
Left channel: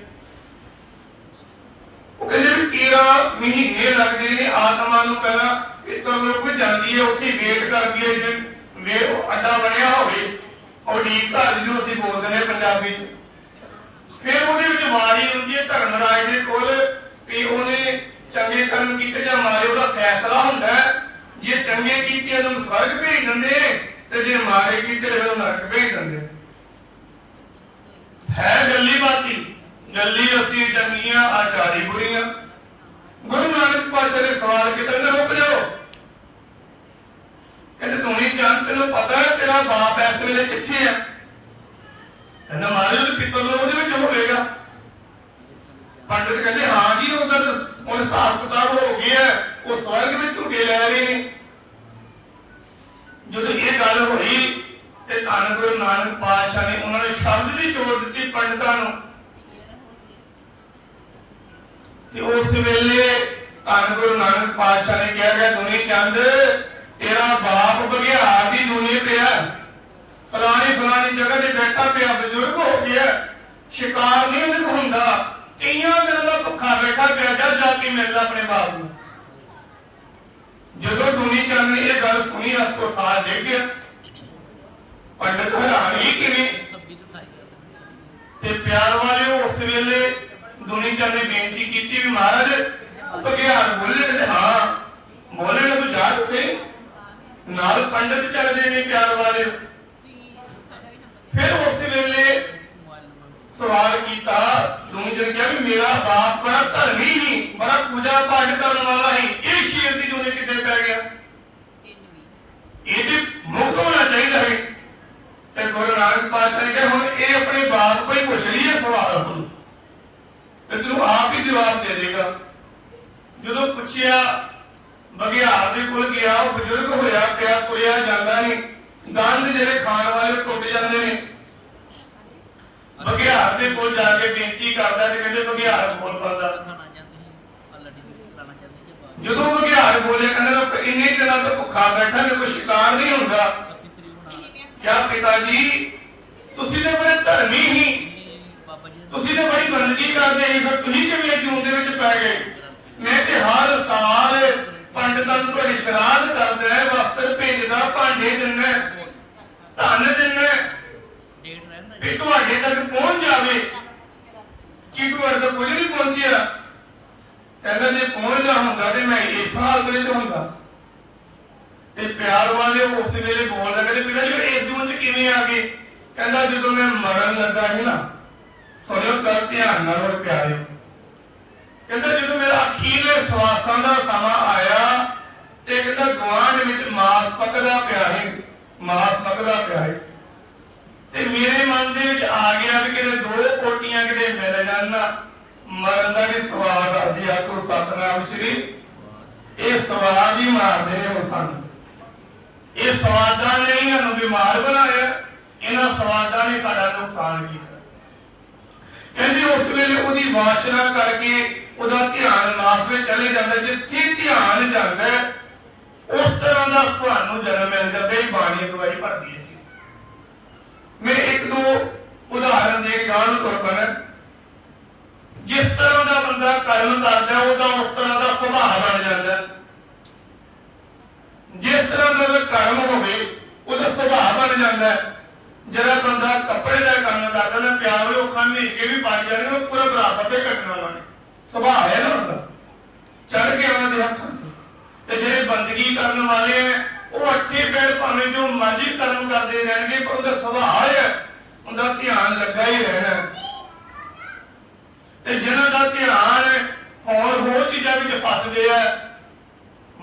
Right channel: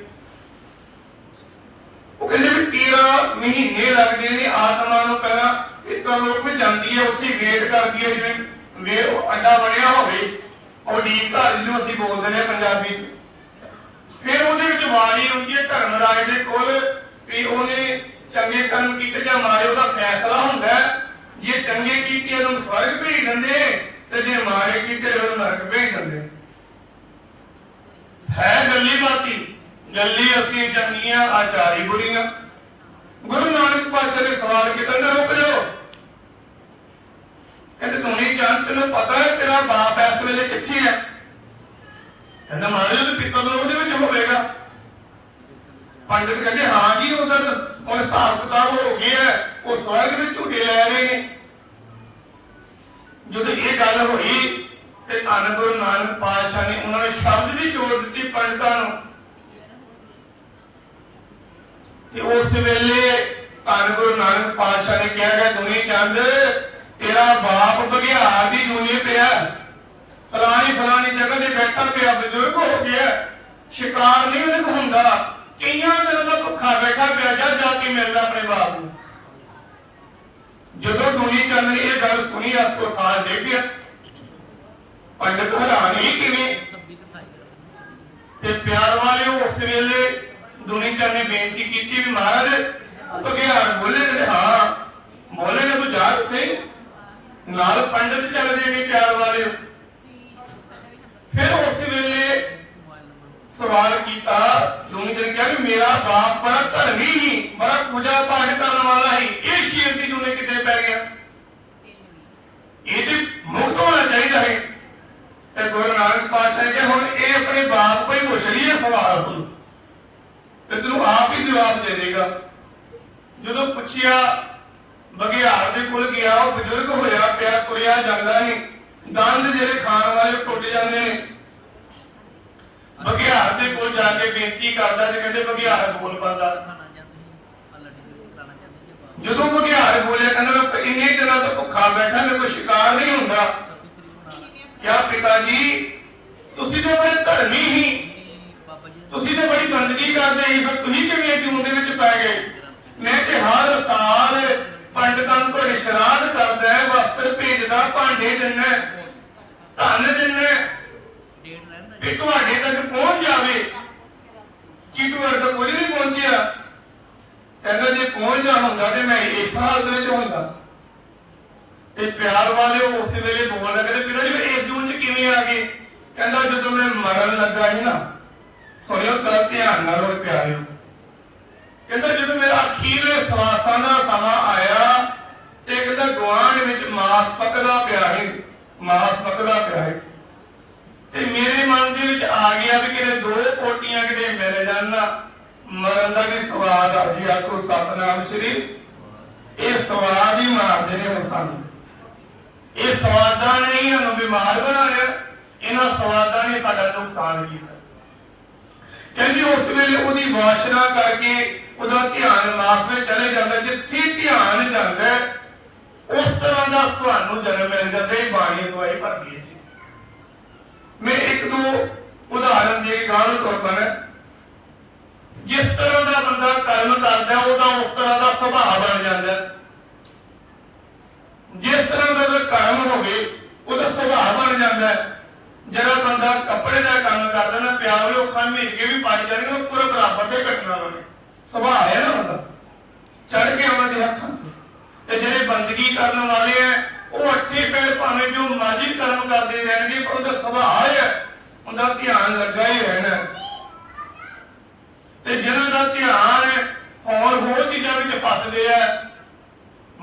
ਉਹ ਕਹਿੰਦੇ ਵੀ 13 ਮਹੀਨੇ ਲੱਗਦੇ ਨੇ, ਆਤਮਾ ਨੂੰ ਪਹਿਲਾਂ ਇੱਕ ਲੋਕ ਜਾਂਦੀ ਹੈ, ਉੱਥੇ ਵੇਟ ਕਰਦੀ ਹੈ ਜਿਵੇਂ ਵੇ ਅੱਡਾ ਬਣਿਆ ਹੋਵੇ, ਉਹ ਡੀਪ ਘਰ ਜਿਹਨੂੰ ਅਸੀਂ ਬੋਲਦੇ ਨੇ ਪੰਜਾਬੀ ਚ। ਫਿਰ ਉਹਦੇ ਵਿੱਚ ਵਾਰੀ ਹੁੰਦੀ ਹੈ ਧਰਮਰਾਜ ਦੇ ਕੋਲ ਵੀ ਉਹਨੇ ਚੰਗੇ ਕਰਮ ਕੀਤੇ ਜਾਂ ਮਾਰੇ, ਉਹਦਾ ਫੈਸਲਾ ਹੁੰਦਾ ਜੇ ਚੰਗੇ ਕੀਤੇ ਉਹਨੂੰ ਸਵਰਗ ਭੇਜ ਦਿੰਦੇ ਤੇ ਜੇ ਮਾਰੇ ਕੀਤੇ ਤੇ ਉਹਨੂੰ ਨਰਕ ਭੇਜ ਦਿੰਦੇ ਹੈ ਗੱਲੀ ਬਾਤੀ। ਗੱਲੀ ਅਸੀਂ ਚੰਗੀਆਂ, ਆਚਾਰੀ ਬੁਰੀਆਂ। ਗੁਰੂ ਨਾਨਕ ਪਾਤਸ਼ਾਹ ਨੇ ਸਵਾਲ ਕੀਤਾ ਤੇ ਰੁਕ ਜਾਓ? ਕਹਿੰਦੇ ਤੂੰ ਨਹੀਂ ਤੈਨੂੰ ਪਤਾ ਹੈ ਤੇਰਾ ਬਾਪ ਇਸ ਵੇਲੇ ਕਿੱਥੇ ਹੈ? ਕਹਿੰਦਾ ਮਾਰੇ ਉਹਦੇ ਪਿੱਤਰ ਉਹਦੇ ਵਿੱਚ ਹੋਵੇਗਾ। ਪੰਡਿਤ ਕਹਿੰਦੇ, ਹਾਂ ਜੀ ਉਹਦਾ ਤਾਂ ਹਿਸਾਬ ਕਿਤਾਬ ਹੋ ਗਿਆ ਉਹ ਸਵਰਗ ਵਿੱਚ ਝੂਟੇ ਲੈ ਰਹੇ ਨੇ। ਜਦੋਂ ਇਹ ਗੱਲ ਹੋਈ ਤੇ ਧੰਨ ਗੁਰੂ ਨਾਨਕ ਪਾਤਸ਼ਾਹ ਨੇ ਉਹਨਾਂ ਨੂੰ ਸ਼ਬਦ ਦੀ ਚੋੜ ਦਿੱਤੀ ਪੰਡਤਾਂ ਨੂੰ। ਤੇ ਉਸ ਵੇਲੇ ਧੰਨ ਗੁਰੂ ਨਾਨਕ ਪਾਤਸ਼ਾਹ ਨੇ ਕਿਹਾ ਕਿ ਦੁਨੀ ਚੰਦ ਤੇਰਾ ਬਾਪ ਬਗਿਆੜ ਦੀ ਦੁਨੀ ਪਿਆ ਫਲਾਣੀ ਫਲਾਣੀ ਜਗ੍ਹਾ ਤੇ ਬੈਠਾ ਪਿਆ, ਬਜ਼ੁਰਗ ਹੋ ਗਿਆ, ਸ਼ਿਕਾਰ ਨਹੀਂ ਉਹਦੇ ਹੁੰਦਾ। ਕਈਆਂ ਦਿਨਾਂ ਦਾ ਭੁੱਖਾ ਬੈਠਾ ਪਿਆ ਜਾ ਜਾ ਕੇ ਮਿਲਦਾ ਆਪਣੇ ਬਾਪ ਨੂੰ। ਜਦੋਂ ਦੁਨੀ ਚੰਦ ਨੇ ਇਹ ਗੱਲ ਸੁਣੀ ਆਪੋ ਥਾਲ ਦੇ ਗਿਆ। ਪੰਡਤ ਹੈਰਾਨ ਕਿਵੇਂ? ਤੇ ਪਿਆਰ ਵਾਲੇ ਉਸ ਵੇਲੇ ਦੁਨੀ ਚੰਦ ਨੇ ਬੇਨਤੀ ਕੀਤੀ ਵੀ ਮਹਾਰਾਜ, ਉਹ ਬਗਿਆੜ ਬੋਲੇ ਤੇ ਹਾਂ ਬੋਲੇ ਨੇ ਬੁਝਾਰ ਸੇ। ਨਾਲ ਪੰਡਤ ਚੱਲਦੇ ਨੇ ਪਿਆਰ ਵਾਲੇ ਫਿਰ ਉਸ ਵੇਲੇ ਸਵਾਲ ਕੀਤਾ ਦੁਨੀ ਨੇ ਕਿਹਾ ਵੀ ਮੇਰਾ ਬਾਪ ਬੜਾ ਧਰਮੀ ਹੀ ਬੜਾ ਪੂਜਾ ਪਾਠ ਕਰਨ ਵਾਲਾ ਹੀ ਇਹ ਸ਼ੇਰ ਦੀ ਦੁਨੇ ਕਿੱਥੇ ਪੈ ਗਿਆ? ਇਹਦੇ ਮੁਕਤ ਹੋਣਾ ਚਾਹੀਦਾ ਹੈ। ਤੇ ਗੁਰੂ ਨਾਨਕ ਪਾਤਸ਼ਾਹ ਨੇ ਕਿਹਾ, ਹੁਣ ਇਹ ਆਪਣੇ ਬਾਪ ਕੋਈ ਪੁੱਛ ਲਈਏ ਸਵਾਲ। ਤੇ ਤੈਨੂੰ ਆਪ ਹੀ ਜਵਾਬ ਦੇ ਦੇਗਾ। ਜਦੋਂ ਪੁੱਛਿਆ ਬਗਿਆੜ ਦੇ ਕੋਲ ਗਿਆ, ਉਹ ਬਜ਼ੁਰਗ ਹੋਇਆ, ਪਿਆ ਤੁਰਿਆ ਜਾਂਦਾ ਨਹੀਂ ਦੰਦ ਜਿਹੜੇ ਖਾਣ ਵਾਲੇ ਟੁੱਟ ਜਾਂਦੇ ਨੇ। ਬਗਿਆੜ ਦੇ ਕੋਲ ਜਾ ਕੇ ਬੇਨਤੀ ਕਰਦਾ ਤੇ ਕਹਿੰਦੇ ਬਗਿਆੜ ਬੋਲ ਪੰਦਾ ਜਦੋਂ ਬਗਿਆੜ ਬੋਲਿਆ, ਕਹਿੰਦਾ ਇੰਨੇ ਦਿਨਾਂ ਤੋਂ ਭੁੱਖਾ ਬੈਠਾ, ਮੇਰੇ ਕੋਈ ਸ਼ਿਕਾਰ ਨਹੀਂ ਹੁੰਦਾ। ਕਿਆ ਪਿਤਾ ਜੀ, ਤੁਸੀਂ ਤੇ ਬੜੇ ਧਰਮੀ ਹੀ। ਤੁਸੀਂ ਤੇ ਬੜੀ ਬੰਦਗੀ ਕਰਦੇ ਸੀ, ਫਿਰ ਤੁਸੀਂ ਕਿਵੇਂ ਜੂਨ ਦੇ ਵਿੱਚ ਪੈ ਗਏ? ਮੈਂ ਤੇ ਹਰ ਸਾਲ ਪੰਡਤਾਂ ਨੂੰ ਤੁਹਾਡੀ ਸ਼ਰਾਧ ਕਰਦਾ ਹੈ, ਵਸਤਰ ਭੇਜਦਾ, ਭਾਂਡੇ ਦਿੰਦਾ ਧਨ ਦਿੰਦਾ ਵੀ ਤੁਹਾਡੇ ਤੱਕ ਪਹੁੰਚ ਜਾਵੇ। ਕੀ ਤੁਹਾਡੇ ਤੱਕ ਕੁਝ ਨਹੀਂ ਪਹੁੰਚਿਆ? ਕਹਿੰਦਾ, ਜੇ ਪਹੁੰਚਦਾ ਹੁੰਦਾ ਤੇ ਮੈਂ ਇਸ ਹਾਲਤ ਵਿੱਚ ਹੁੰਦਾ। ਤੇ ਪਿਆਰ ਵਾਲੇ ਉਸ ਵੇਲੇ ਬੋਲਦਾ ਕਹਿੰਦੇ ਪਿਤਾ ਜੀ ਇਸ ਜੂਨ ਚ ਕਿਵੇਂ ਆ ਗਏ? ਕਹਿੰਦਾ, ਜਦੋਂ ਮੈਂ ਮਰਨ ਲੱਗਾ ਸੀ ਨਾ ਸੁਣਿਓ ਤਾਂ ਧਿਆਨ ਨਾਲ ਹੋਰ ਪਿਆਰਿਓ। ਕਹਿੰਦਾ, ਜਦੋਂ ਮੇਰਾ ਅਖੀਰਲੇ ਸਵਾਸਾਂ ਦਾ ਸਮਾਂ ਆਇਆ ਗੁਆਂਢ ਵਿੱਚ ਮਾਸ ਪੱਕਦਾ ਪਿਆ ਸੀ ਮਾਸ ਪੱਕਦਾ ਪਿਆ ਸੀ ਤੇ ਮੇਰੇ ਮਨ ਦੇ ਵਿੱਚ ਆ ਗਿਆ ਵੀ ਕਿਤੇ ਦੋ ਕੋਟੀਆਂ ਕਿਤੇ ਮਿਲ ਜਾਣ ਮਰਨ ਦਾ ਵੀ ਸਵਾਦ ਆ ਜੀ, ਆਖੋ ਸਤਨਾਮ ਸ਼੍ਰੀ। ਇਹ ਸਵਾਦ ਹੀ ਮਾਰਦੇ ਨੇ ਹੁਣ ਸਾਨੂੰ। ਇਹ ਸਵਾਦਾਂ ਨੇ ਹੀ ਸਾਨੂੰ ਬਿਮਾਰ ਬਣਾਇਆ, ਇਹਨਾਂ ਸਵਾਦਾਂ ਨੇ ਸਾਡਾ ਨੁਕਸਾਨ ਕੀਤਾ। ਕਹਿੰਦੇ ਉਸ ਵੇਲੇ ਉਹਦੀ ਵਾਸ਼ਨਾ ਕਰਕੇ ਉਹਦਾ ਧਿਆਨ ਮਾਸ ਵਿੱਚ ਚਲੇ ਜਾਂਦਾ, ਜਿੱਥੇ ਧਿਆਨ ਜਾਂਦਾ ਉਸ ਤਰ੍ਹਾਂ ਦਾ ਤੁਹਾਨੂੰ ਜਨਮ ਮਿਲ ਜਾਂਦਾ ਇਹ ਬਾਣੀ ਅਗਵਾਈ ਭਰਦੀ ਹੈ ਜੀ। ਮੈਂ ਇੱਕ ਦੋ ਉਦਾਹਰਨ ਦੇ ਕੇ ਗਾਂ ਨੂੰ ਤੁਰ ਜਿਸ ਤਰ੍ਹਾਂ ਦਾ ਬੰਦਾ ਕਰਮ ਕਰਦਾ, ਉਹਦਾ ਉਸ ਤਰ੍ਹਾਂ ਦਾ ਸੁਭਾਅ ਬਣ ਜਾਂਦਾ। ਜਿਸ ਤਰ੍ਹਾਂ ਦਾ ਉਹਦਾ ਕਰਮ ਹੋਵੇ, ਉਹਦਾ ਸੁਭਾਅ ਬਣ ਜਾਂਦਾ। ਜਿਹੜਾ ਬੰਦਾ ਕੱਪੜੇ ਦਾ ਕੰਮ ਕਰਦਾ ਨਾ, ਪਿਆਰ ਵਾਲੇ ਅੱਖਾਂ ਕੇ ਵੀ ਪਾਈ ਜਾਂਦੇ ਨੇ ਉਹ ਪੂਰਾ ਬਰਾਬਰ ਦੇ ਕੱਟਣਾ ਵਾਲੇ। ਸੁਭਾਅ ਹੈ ਨਾ ਬੰਦਾ ਚੜ ਕੇ ਉਹਨਾਂ ਦੇ ਹੱਥਾਂ ਤੇ ਜਿਹੜੇ ਬੰਦਗੀ ਕਰਨ ਵਾਲੇ ਆ ਉਹ ਅੱਠੇ ਪੈਰ ਭਾਵੇਂ ਜੋ ਮਰਜ਼ੀ ਕਰਮ ਕਰਦੇ ਰਹਿਣਗੇ ਪਰ ਉਹਦਾ ਸੁਭਾਅ ਹੈ ਉਹਦਾ ਧਿਆਨ ਲੱਗਾ ਹੀ ਰਹਿਣਾ। ਤੇ ਜਿਹਨਾਂ ਦਾ ਧਿਆਨ ਹੋਰ ਹੋਰ ਚੀਜ਼ਾਂ ਵਿੱਚ ਫਸਦੇ ਆ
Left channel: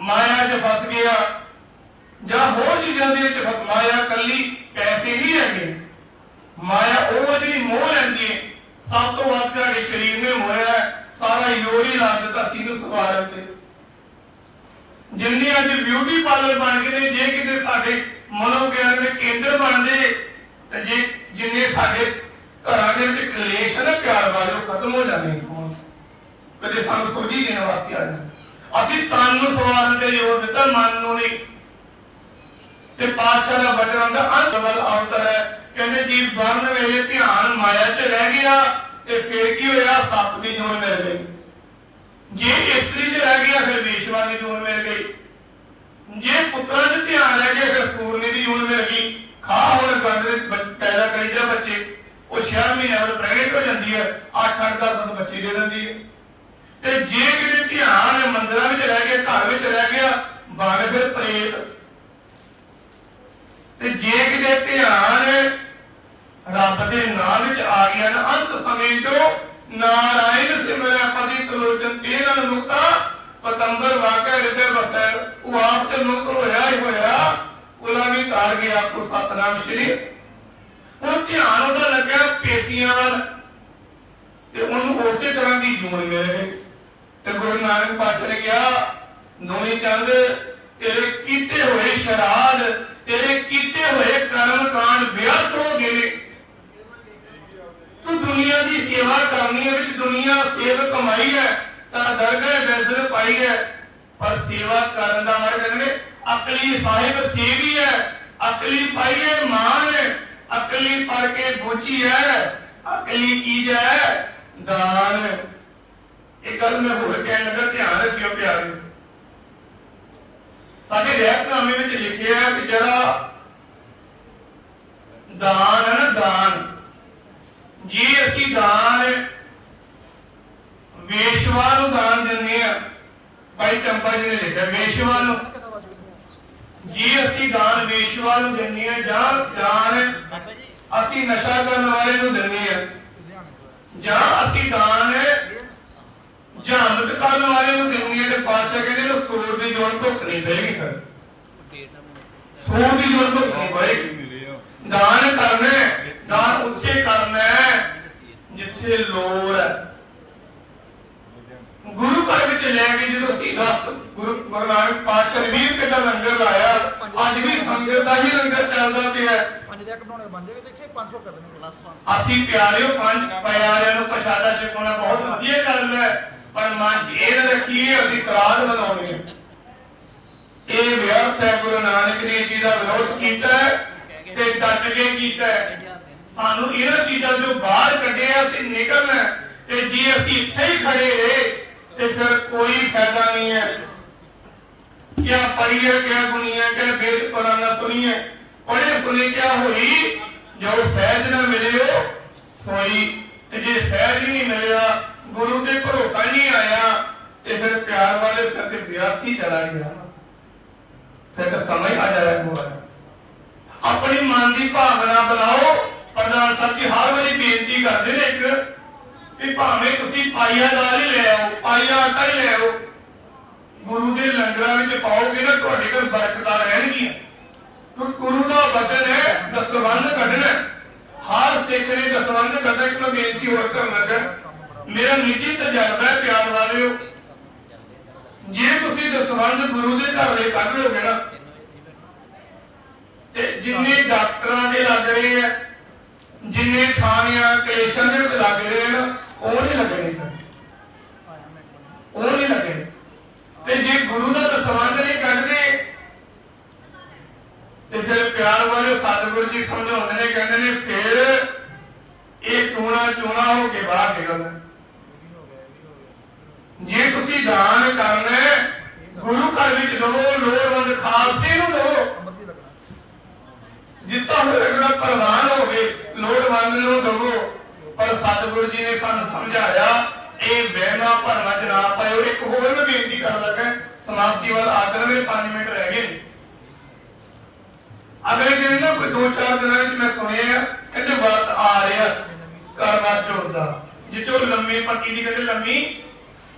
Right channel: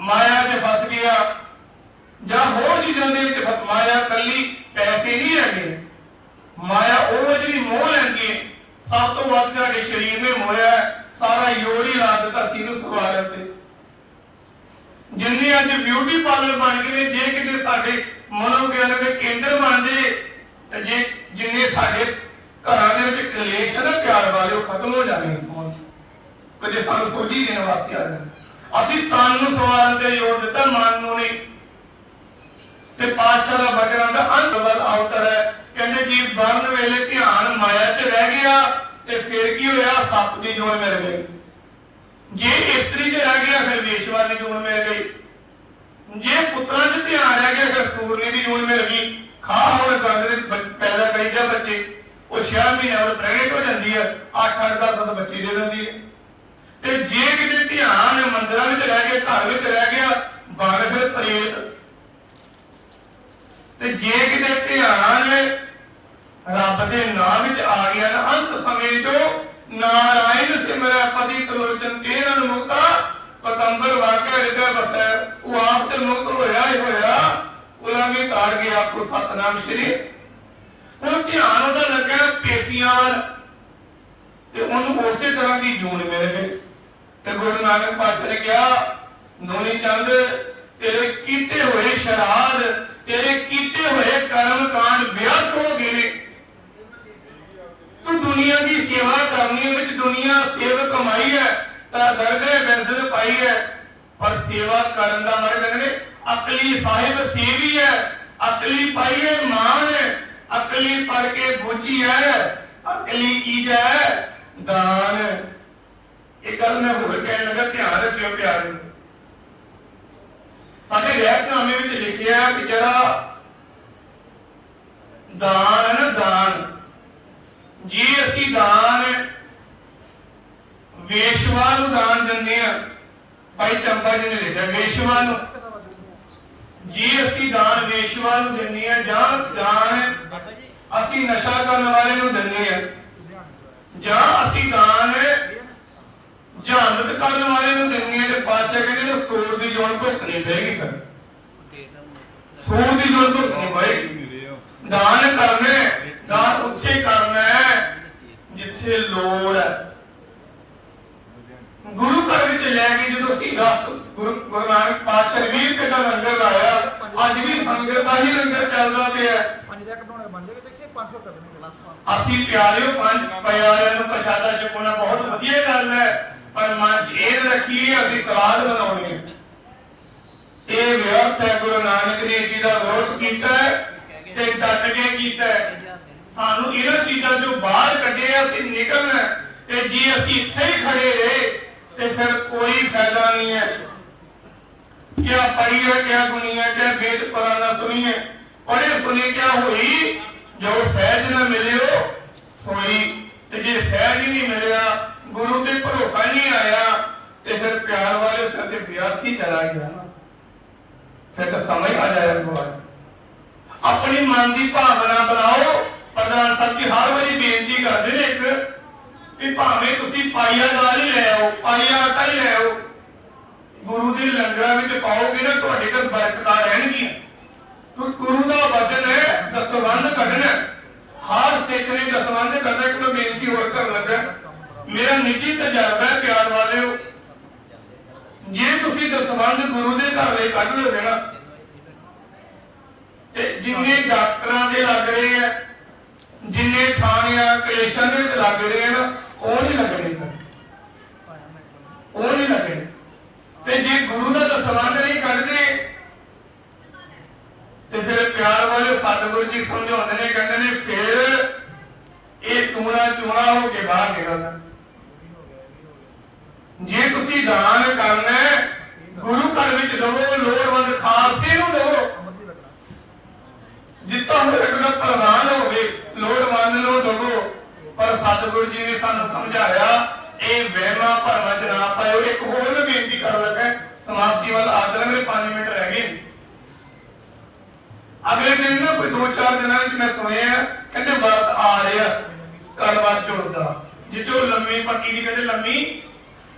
ਮਾਇਆ 'ਚ ਫਸ ਗਿਆ ਜਾਂ ਹੋਰ ਚੀਜ਼ਾਂ ਦੇ ਵਿੱਚ ਮਾਇਆ ਕੱਲੀ ਪੈਸੇ ਨਹੀਂ ਹੈਗੇ। ਮਾਇਆ ਉਹ ਜਿਹੜੀ ਮੋਹ ਲੈਂਦੀ ਹੈ ਸਭ ਤੋਂ ਵੱਧ ਤੁਹਾਡੇ ਸਰੀਰ ਨੇ ਮੋਇਆ ਹੈ, ਸਾਰਾ ਯੋਰੀ ਲਾ ਦਿੱਤਾ ਸੀ ਨੂੰ ਸਵਾਰਨ ਜਿੰਨੇ ਅੱਜ ਬਿਊਟੀ ਪਾਰਲਰ ਬਣ ਗਏ ਨੇ, ਜੇ ਕਿਤੇ ਸਾਡੇ ਮਨੋਗਿਆਨ ਦੇ ਕੇਂਦਰ ਬਣਦੇ ਤੇ ਜੇ ਜਿੰਨੇ ਸਾਡੇ ਘਰਾਂ ਦੇ ਵਿੱਚ ਕਲੇਸ਼ ਹੈ ਪਿਆਰ ਵਾਲੇ, ਉਹ ਖਤਮ ਹੋ ਜਾਣੇ ਕਦੇ ਸਾਨੂੰ ਸੋਝੀ ਦੇਣ ਵਾਸਤੇ ਆ ਜਾਣ ਅਸੀਂ ਤਨ ਨੂੰ ਸਵਾਰਨ ਤੇ ਜ਼ੋਰ ਦਿੱਤਾ, ਮਨ ਨੂੰ ਨਹੀਂ। ਤੇ ਪਾਤਸ਼ਾਹ ਦਾ ਵਚਨ ਦਾ ਅੰਤ ਵੱਲ ਅਵਤਰ ਹੈ। ਕਹਿੰਦੇ, ਜੀ ਬਰਨ ਵੇਲੇ ਧਿਆਨ ਮਾਇਆ 'ਚ ਰਹਿ ਗਿਆ, ਤੇ ਫਿਰ ਕੀ ਹੋਇਆ? ਸੱਪ ਦੀ ਜੋਨ ਮਿਲ ਗਈ ਜੇ ਇਸਤਰੀ 'ਚ ਰਹਿ ਗਿਆ ਫਿਰ ਵੇਸ਼ਵਾ ਦੀ ਜੂਨ ਮਿਲ ਗਈ। ਜੇ ਪੁੱਤਰਾਂ 'ਚ ਧਿਆਨ ਰਹਿ ਗਿਆ ਫਿਰ ਸੂਰਨੀ ਦੀ ਜੂਨ ਮਿਲ ਗਈ। ਖਾ ਹੁਣ ਗੰਦ ਦੇ ਪੈਦਾ ਕਰੀ ਜਾ ਬੱਚੇ। ਉਹ 6 ਮਹੀਨਿਆਂ ਬਾਅਦ ਪ੍ਰੈਗਨੈਂਟ ਹੋ ਜਾਂਦੀ ਹੈ 8 8 10 10 ਬੱਚੇ ਦੇ ਦਿੰਦੀ ਹੈ। ਤੇ ਜੇ ਕਿਤੇ ਧਿਆਨ ਮੰਦਿਰਾਂ ਵਿੱਚ ਰਹਿ ਗਿਆ, ਘਰ ਵਿੱਚ ਰਹਿ ਗਿਆ, ਬਣ ਫਿਰ ਪ੍ਰੇਤ। ਤੇ ਜੇ ਕਿਤੇ ਧਿਆਨ ਰੱਬ ਦੇ ਨਾਮ ਵਿੱਚ ਆ ਗਿਆ ਨਾ, ਅੰਤ ਸਮੇਂ ਤੋਂ ਨਾਰਾਇਣ ਸਿਮਰੈ ਪਤੀ ਤਲੋਚਨ ਤੇਰਨ ਮੁਕਤਾ ਪਤੰਬਰ ਵਾਕਿਆ ਹਿਰਦੇ ਵਸੈ ਉਹ ਆਪ ਤੇ ਮੁਕਤ ਹੋਇਆ ਹੀ ਹੋਇਆ। ਗੁਲਾਮੀ ਤਾਰ ਗਿਆ ਆਪਕੋ ਸਤਨਾਮ ਸ਼੍ਰੀ। ਹੁਣ ਧਿਆਨ ਉਹਦਾ ਲੱਗਾ ਪੇਸ਼ੀਆਂ ਵੱਲ। ਤੇ ਉਹਨੂੰ ਉਸੇ ਤਰ੍ਹਾਂ ਦੀ ਜੂਨ ਮਿਲ ਗਈ। ਤੇ ਗੁਰੂ ਨਾਨਕ ਪਾਤਸ਼ਾਹ ਨੇ ਕਿਹਾ ਦੋਨੀ ਚੰਦ, ਤੇਰੇ ਕੀਤੇ ਹੋਏ ਸ਼ਰਾਧ, ਤੇਰੇ ਕੀਤੇ ਹੋਏ ਕਰਮ ਕਾਂਡ ਵਿਅਰਥ ਹੋ ਗਏ ਨੇ। ਦੁਨੀਆ ਦੀ ਸੇਵਾ ਕਰਨੀ ਹੈ, ਵਿੱਚ ਦੁਨੀਆ ਸੇਵ ਕਮਾਈ ਹੈ, ਤਾਂ ਦਰਗਾਹ ਬੈਜ਼ਰ ਪਾਈ ਹੈ। ਪਰ ਸੇਵਾ ਕਰਨ ਦਾ ਮਰ ਕਹਿੰਦੇ ਅਕਲੀ ਸਾਹਿਬ ਸੇਵੀ ਹੈ, ਅਕਲੀ ਪਾਈ ਹੈ, ਮਾਨ ਹੈ, ਅਕਲੀ ਪੜ ਕੇ ਬੁਝੀ ਹੈ, ਅਕਲੀ ਕੀ ਹੈ, ਦਾਨ ਇਹ ਗੱਲ ਮੈਂ ਹੋਰ ਕਹਿਣ ਲੱਗਾ, ਧਿਆਨ ਰੱਖਿਓ ਪਿਆਰੇ ਸਾਡੇ ਰਹਿਤਨਾਮੇ ਵਿੱਚ ਲਿਖਿਆ ਹੈ ਕਿ ਜਿਹੜਾ ਦਾਨ ਹੈ ਨਾ, ਦਾਨ। ਜੇ ਅਸੀਂ ਦਾਨ, ਵੇਸ਼ਵਾ ਨੂੰ ਦਾਨ ਦਿੰਦੇ ਆ ਭਾਈ ਚੰਪਾ ਜੀ ਨੇ ਲਿਖਿਆ, ਵੇਸ਼ਵਾ ਨੂੰ। ਜੇ ਅਸੀਂ ਦਾਨ ਵੇਸ਼ਵਾ ਨੂੰ ਦਿੰਦੇ ਆ ਜਾਂ ਦਾਨ ਅਸੀਂ ਨਸ਼ਾ ਕਰਨ ਵਾਲੇ ਨੂੰ ਦਿੰਦੇ ਆ ਜਾਂ ਅਸੀਂ ਦਾਨ ਜਹਾਨਤ ਕਰਨ ਵਾਲੇ ਨੂੰ ਦਿੰਦੇ ਆ ਤੇ ਪਾਤਸ਼ਾਹ ਕਹਿੰਦੇ ਨੇ ਸੂਰ ਦੀ ਜੋਨ ਭੁਗਤਣੀ ਪਏਗੀ ਫਿਰ। ਸੂਰ ਦੀ ਜੋਨ ਭੁਗਤਣੀ ਪਏਗੀ। ਦਾਨ ਕਰਨਾ ਦਾਨ ਉੱਥੇ ਕਰਨਾ ਹੈ? ਜਿੱਥੇ ਲੋੜ ਹੈ। ਗੁਰੂ ਘਰ ਵਿੱਚ ਲੈ ਕੇ ਜਦੋਂ ਸੀਰਤ ਗੁਰੂ ਗੁਰੂ ਨਾਨਕ ਪਾਤਸ਼ਾਹ ਵੀਰ ਕਿਦਾ ਲੰਗਰ ਲਾਇਆ ਅੱਜ ਵੀ ਸੰਗਤ ਦਾ ਹੀ ਲੰਗਰ ਚੱਲਦਾ ਪਿਆ ਹੈ।
ਪੰਜ ਦੇ ਬਣਾਉਣੇ ਬਣ ਜਾਏਗਾ ਜਿੱਥੇ 500 ਕਰ ਦੇਣਾ
ਅਸੀਂ ਪਿਆਰਿਓ ਪੰਜ ਪਿਆਰਿਆਂ ਨੂੰ ਪ੍ਰਸ਼ਾਦਾ ਛਕਣਾ ਬਹੁਤ ਵਧੀਆ ਗੱਲ ਹੈ ਪਰ ਮਨ 'ਚ ਇਹ ਨਾ ਰੱਖੀਏ ਅਸੀਂ ਸਰਾਧ ਬਣਾਉਣੀ ਇਹ ਵਿਅਰਥ ਹੈ ਗੁਰੂ ਨਾਨਕ ਨੇ ਜੀ ਦਾ ਵਿਰੋਧ ਕੀਤਾ ਤੇ ਡਟ ਕੇ ਕੀਤਾ ਸਾਨੂੰ ਇਹਨਾਂ ਚੀਜ਼ਾਂ ਤੋਂ ਬਾਹਰ ਕੱਢਿਆ, ਅਸੀਂ ਨਿਕਲਣਾ ਤੇ ਜੇ ਅਸੀਂ ਇੱਥੇ ਹੀ ਖੜੇ ਰਹੇ, ਤੇ ਫਿਰ ਕੋਈ ਫਾਇਦਾ ਨਹੀਂ ਹੈ। ਕਿਆ ਪੜੀਏ ਕਿਆ ਗੁਣੀਆਂ ਕਿਆ ਵੇਦ ਪੁਰਾਣਾ ਸੁਣੀਏ ਪੜੇ ਸੁਨੇ ਕਿਆ ਹੋਈ, ਜੋ ਸਹਿਜ ਨਾ ਮਿਲਿਓ, ਸੋਈ। ਤੇ ਜੇ ਸਹਿਜ ਹੀ ਨਹੀਂ ਮਿਲਿਆ, ਗੁਰੂ ਤੇ ਭਰੋਸਾ ਨਹੀਂ ਆਇਆ, ਤੇ ਫਿਰ ਪਿਆਰ ਵਾਲੇ ਫਿਰ ਤੇ ਵਿਅਰਥੀ ਚਲਾ ਗਿਆ। ਨਾ ਫਿਰ ਤਾਂ ਸਮਝ ਆ ਜਾਇਆ ਮੋਬਾਈਲ ਆਪਣੀ ਮਨ ਦੀ ਭਾਵਨਾ ਬਣਾਓ ਪ੍ਰਧਾਨ ਸਾਹਿਬ ਜੀ, ਹਰ ਵਾਰੀ ਬੇਨਤੀ ਕਰਦੇ ਨੇ ਇੱਕ ਕਿ ਭਾਵੇਂ ਤੁਸੀਂ ਪਾਈਆ ਦਾਲ ਹੀ ਲੈ ਆਓ, ਪਾਈਆ ਆਟਾ ਹੀ ਲੈ ਆਓ, ਗੁਰੂ ਦੇ ਲੰਗਰਾਂ ਵਿੱਚ ਪਾਓਗੇ ਨਾ, ਤੁਹਾਡੇ ਘਰ ਬਰਕਤਾਂ ਰਹਿਣਗੀਆਂ। ਕਿਉਂਕਿ ਗੁਰੂ ਦਾ ਵਚਨ ਹੈ, ਦਸਵੰਧ ਕੱਢਣਾ ਹਰ ਸਿੱਖ ਨੇ ਦਸਵੰਧ ਕਰਨਾ, ਇੱਕ ਮੈਂ ਬੇਨਤੀ ਹੋਰ ਕਰਨ ਲੱਗਾ। ਮੇਰਾ ਨਿੱਜੀ ਤਜਰਬਾ ਹੈ, ਪਿਆਰ ਵਾਲਿਓ ਜੇ ਤੁਸੀਂ ਦਸਵੰਧ ਗੁਰੂ ਦੇ ਘਰ ਲਈ ਕੱਢ ਲਓਗੇ ਨਾ, ਤੇ ਜਿੰਨੇ ਡਾਕਟਰਾਂ ਦੇ ਲੱਗ ਰਹੇ ਆ ਜਿੰਨੇ ਥਾਣਿਆਂ ਕਲੇਸ਼ਾਂ ਦੇ ਵਿੱਚ ਲੱਗ ਰਹੇ ਨਾ ਉਹ ਨਹੀਂ ਲੱਗਣੇ ਫਿਰ ਉਹ ਨਹੀਂ ਲੱਗਣੇ ਤੇ ਜੇ ਗੁਰੂ ਦਾ ਦਸਵੰਧ ਨਹੀਂ ਕੱਢਦੇ ਤੇ ਫਿਰ ਪਿਆਰ ਵਾਲੇ ਸਤਿਗੁਰੂ ਜੀ ਸਮਝਾਉਂਦੇ ਨੇ ਕਹਿੰਦੇ ਨੇ ਫਿਰ ਇਹ ਟੂਣਾ ਚੂਣਾ ਹੋ ਕੇ ਬਾਹਰ ਨਿਕਲਣਾ ਜੇ ਤੁਸੀਂ ਦਾਨ ਕਰਨਾ ਹੈ, ਗੁਰੂ ਘਰ ਵਿੱਚ ਦਵੋ ਲੋੜਵੰਦ ਖਾਲਸੇ ਨੂੰ ਦਵੋ
ਅੰਮ੍ਰਿਤ ਹੀ ਲੱਗਣਾ
ਜਿੱਤਾ ਹੋਇਆ ਕਿ ਪ੍ਰਧਾਨ ਹੋਵੇ ਲੋੜਵੰਦ ਨੂੰ ਦਵੋ ਪਰ ਸਤਿਗੁਰੂ ਜੀ ਨੇ ਸਾਨੂੰ ਸਮਝਾਇਆ ਇਹ ਵਹਿਮਾਂ ਭਰਮਾਂ ਚ ਨਾ ਪਾਇਓ ਇੱਕ ਹੋਰ ਮੈਂ ਬੇਨਤੀ ਕਰਨ ਲੱਗਾ ਸਮਾਪਤੀ ਵੱਲ ਆਦਰ ਮੇਰੇ 5 ਮਿੰਟ ਰਹਿ ਗਏ ਨੇ। ਅਗਲੇ ਦਿਨ ਨਾ ਕੋਈ 2-4 ਦਿਨਾਂ ਵਿੱਚ ਮੈਂ ਸੁਣਿਆ ਕਹਿੰਦੇ ਵਰਤ ਆ ਰਿਹਾ ਕਰਵਾ ਚੌਥ ਲੰਮੀ ਪੱਕੀ ਦੀ ਕਹਿੰਦੇ ਲੰਮੀ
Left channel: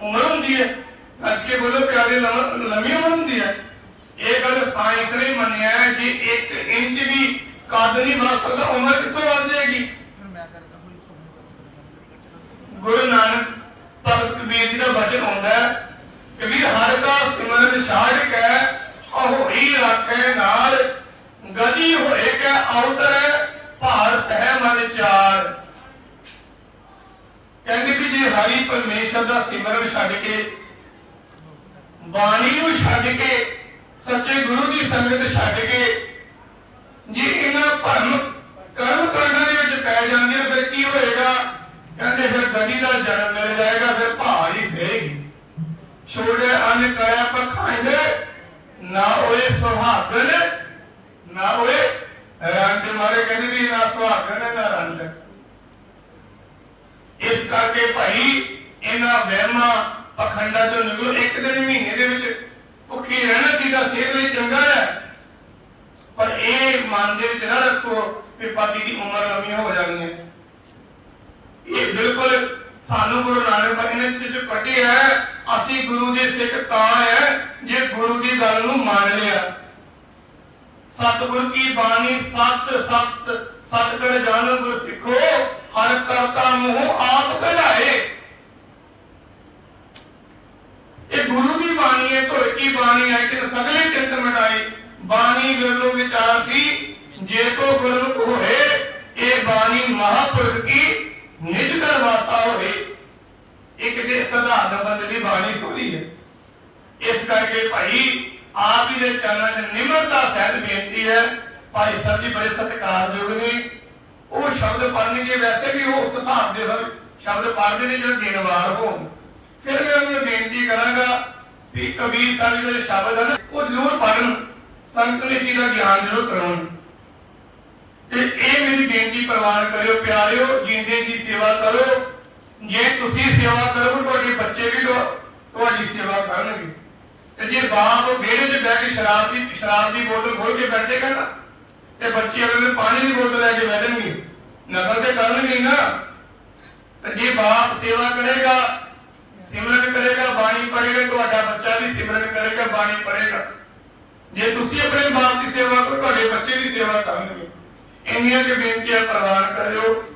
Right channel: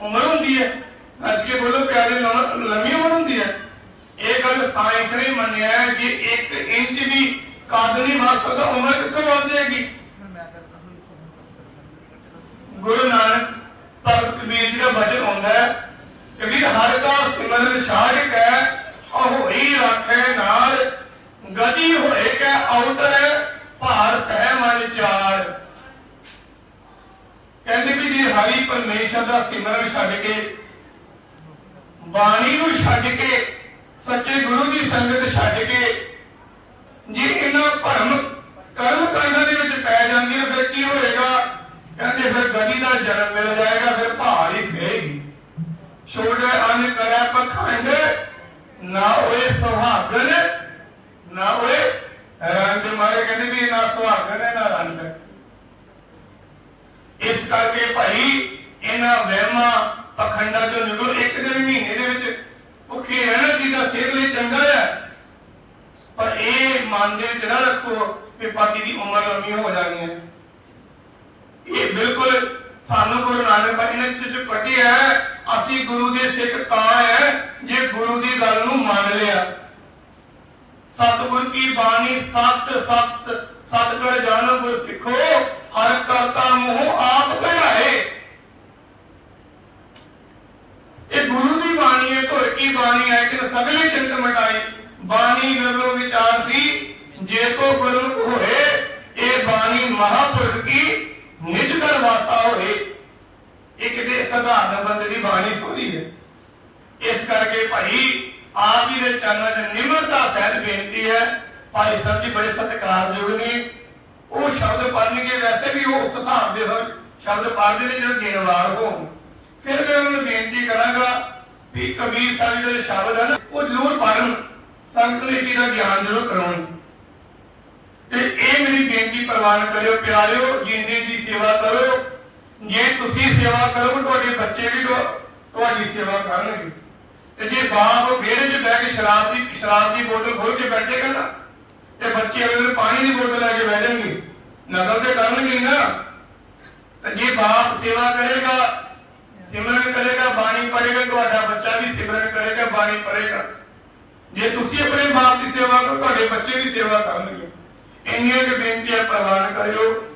ਉਮਰ ਹੁੰਦੀ ਹੈ ਅੱਜ ਕੇ ਬੋਲੋ ਪਿਆਰੇ ਲੰਮੀ ਉਮਰ ਹੁੰਦੀ ਹੈ। ਇਹ ਗੱਲ ਸਾਇੰਸ ਨੇ ਮੰਨਿਆ ਹੈ, ਜੇ 1 ਇੰਚ ਵੀ ਕੱਦ ਨਹੀਂ ਵੱਧ ਸਕਦਾ, ਉਮਰ ਕਿੱਥੋਂ ਵੱਧ ਜਾਏਗੀ? ਗੁਰੂ ਨਾਨਕ ਭਗਤ ਕਬੀਰ ਜੀ ਦਾ ਬਚਨ ਹੁੰਦਾ ਹੈ ਕਬੀਰ ਹਰ ਕਾ ਸਿਮਰਨ ਸਾਜ ਕੈ, ਅਹੋਈ ਰੱਖੇ ਨਾਲ, ਗਦੀ ਹੋਏ ਕੈ ਔਤਰ ਭਾਰ ਸਹਿ ਮਨ ਚਾਰ। ਕਹਿੰਦੇ ਵੀ ਜੇ ਹਰੀ ਪਰਮੇਸ਼ਰ ਦਾ ਸਿਮਰਨ ਛੱਡ ਕੇ, ਬਾਣੀ ਨੂੰ ਛੱਡ ਕੇ, ਸੱਚੇ ਗੁਰੂ ਦੀ ਸੰਗਤ ਛੱਡ ਕੇ, ਜੇ ਇਹਨਾਂ ਭਰਮ ਕਰਮ ਕਾਂਡਾਂ ਦੇ ਵਿੱਚ ਪੈ ਜਾਂਦੀਆਂ ਫਿਰ ਕੀ ਹੋਏਗਾ? ਕਹਿੰਦੇ ਫਿਰ ਗਦੀ ਦਾ ਜਨਮ ਮਿਲ ਜਾਏਗਾ ਫਿਰ ਭਾਰ ਹੀ ਸਹੇਗੀ ਛੋੜੇ ਅੰਨ ਕਰੇ ਪਖੰਡ ਨਾ ਹੋਏ ਸੁਹਾਗਨ ਨਾ ਹੋਏ ਰੰਗ ਮਾਰੇ ਕਹਿੰਦੇ ਵੀ ਨਾ ਸੁਹਾਗਨ ਹੈ, ਨਾ ਰੰਗ ਹੈ। ਇਸ ਕਰਕੇ ਭਾਈ ਇਹਨਾਂ ਵਹਿਮਾਂ ਪਖੰਡਾਂ ਤੋਂ ਨਿਕਲੋ, ਇੱਕ ਦਿਨ ਮਹੀਨੇ ਦੇ ਵਿੱਚ ਭੁੱਖੇ ਰਹਿਣਾ ਚਾਹੀਦਾ, ਸਿਹਤ ਲਈ ਚੰਗਾ ਹੈ। ਪਰ ਇਹ ਮਨ ਦੇ ਵਿੱਚ ਨਾ ਰੱਖੋ ਕਿ ਪਤੀ ਦੀ ਉਮਰ ਲੰਮੀ ਹੋ ਜਾਣੀ ਹੈ। ਇਹ ਬਿਲਕੁਲ ਸਾਨੂੰ ਗੁਰੂ ਨਾਨਕ ਬਾਣੀ ਨੇ ਚ ਕੱਢਿਆ ਅਸੀਂ ਗੁਰੂ ਦੇ ਸਿੱਖ ਤਾਂ ਹੈ, ਜੇ ਗੁਰੂ ਦੀ ਗੱਲ ਨੂੰ ਮੰਨ ਲਿਆ। ਸਤਿਗੁਰ ਕੀ ਬਾਣੀ, ਸਤ ਸਤ ਸਤ ਜਾਣੋ ਗੁਰ ਸਿੱਖੋ ਹਰ ਕਰਤਾ ਮੂੰਹ ਆਪ ਕਢਾਏ ਇਹ ਗੁਰੂ ਦੀ ਬਾਣੀ ਹੈ ਧੁਰ ਕੀ ਬਾਣੀ ਹੈ ਕਿ ਸਗਲੇ ਚਿੰਤ ਮਿਟਾਈ। ਬਾਣੀ ਵਿਰਲੋ ਵਿਚਾਰ ਸੀ, ਜੇ ਕੋ ਗੁਰਮੁਖ ਹੋਏ, ਇਹ ਬਾਣੀ ਮਹਾਪੁਰਖ ਕੀ ਨਿਜ ਕਰ ਵਾਸਤਾ ਹੋਏ। ਇੱਕ ਦੇ ਸਧਾਰਨ ਬੰਦੇ ਦੀ ਬਾਣੀ ਸੋਹਣੀ ਹੈ। ਇਸ ਕਰਕੇ ਭਾਈ, ਆਪ ਹੀ ਦੇ ਚਰਨਾਂ 'ਚ ਨਿਮਰਤਾ ਸਹਿਤ ਬੇਨਤੀ ਹੈ। ਭਾਈ ਸਾਹਿਬ ਜੀ ਬੜੇ ਸਤਿਕਾਰਯੋਗ ਨੇ। ਉਹ ਸ਼ਬਦ ਪੜਨਗੇ ਵੈਸੇ ਵੀ ਉਹ ਉਸ ਹਿਸਾਬ ਦੇ ਸ਼ਬਦ ਪੜ੍ਹਦੇ ਨੇ ਜਿਹੜੇ ਗਿਣਵਾਰ ਹੋਣ। ਫਿਰ ਮੈਂ ਬੇਨਤੀ ਕਰਾਂਗਾ ਵੀ ਕਬੀਰ ਸਾਹਿਬ ਦੇ ਸ਼ਬਦ ਹਨ ਉਹ ਜ਼ਰੂਰ ਪੜਨ ਸੰਗਤ ਨੇ ਚੀਜ਼ ਦਾ ਗਿਆਨ ਜ਼ਰੂਰ ਕਰਾਉਣ। ਤੇ ਇਹ ਮੇਰੀ ਬੇਨਤੀ ਪ੍ਰਵਾਨ ਕਰਿਓ, ਪਿਆਰਿਓ, ਜਿੰਦੇ ਦੀ ਸੇਵਾ ਕਰੋ। ਜੇ ਤੁਸੀਂ ਸੇਵਾ ਕਰੋਗੇ, ਤੁਹਾਡੇ ਬੱਚੇ ਵੀ ਤੁਹਾਡੀ ਸੇਵਾ ਕਰਨਗੇ। ਤੇ ਜੇ ਬਾਪ ਵਿਹੜੇ 'ਚ ਬਹਿ ਕੇ ਸ਼ਰਾਬ ਦੀ ਸ਼ਰਾਬ ਦੀ ਬੋਤਲ ਖੋਲ ਕੇ ਬੈਠੇਗਾ ਨਾ, ਤੇ ਬੱਚੇ ਅਗਲੇ ਪਾਣੀ ਦੀ ਬੋਤਲ ਲੈ ਕੇ ਬੈਠਣਗੇ ਨਕਲ ਤੇ ਕਰਨਗੇ ਨਾ। ਤੇ ਜੇ ਬਾਪ ਸੇਵਾ ਕਰੇਗਾ ਸਿਮਰਨ ਕਰੇਗਾ, ਬਾਣੀ ਪੜ੍ਹੇਗਾ, ਤੁਹਾਡਾ ਬੱਚਾ ਵੀ ਸਿਮਰਨ ਕਰੇਗਾ, ਬਾਣੀ ਪੜ੍ਹੇਗਾ। ਜੇ ਤੁਸੀਂ ਆਪਣੇ ਮਾਂ ਦੀ ਸੇਵਾ ਕਰੋ, ਤੁਹਾਡੇ ਬੱਚੇ ਦੀ ਸੇਵਾ ਕਰਨਗੇ। ਇੰਨੀਆਂ ਕਿ ਬੇਨਤੀਆਂ ਪ੍ਰਵਾਨ ਕਰਿਓ।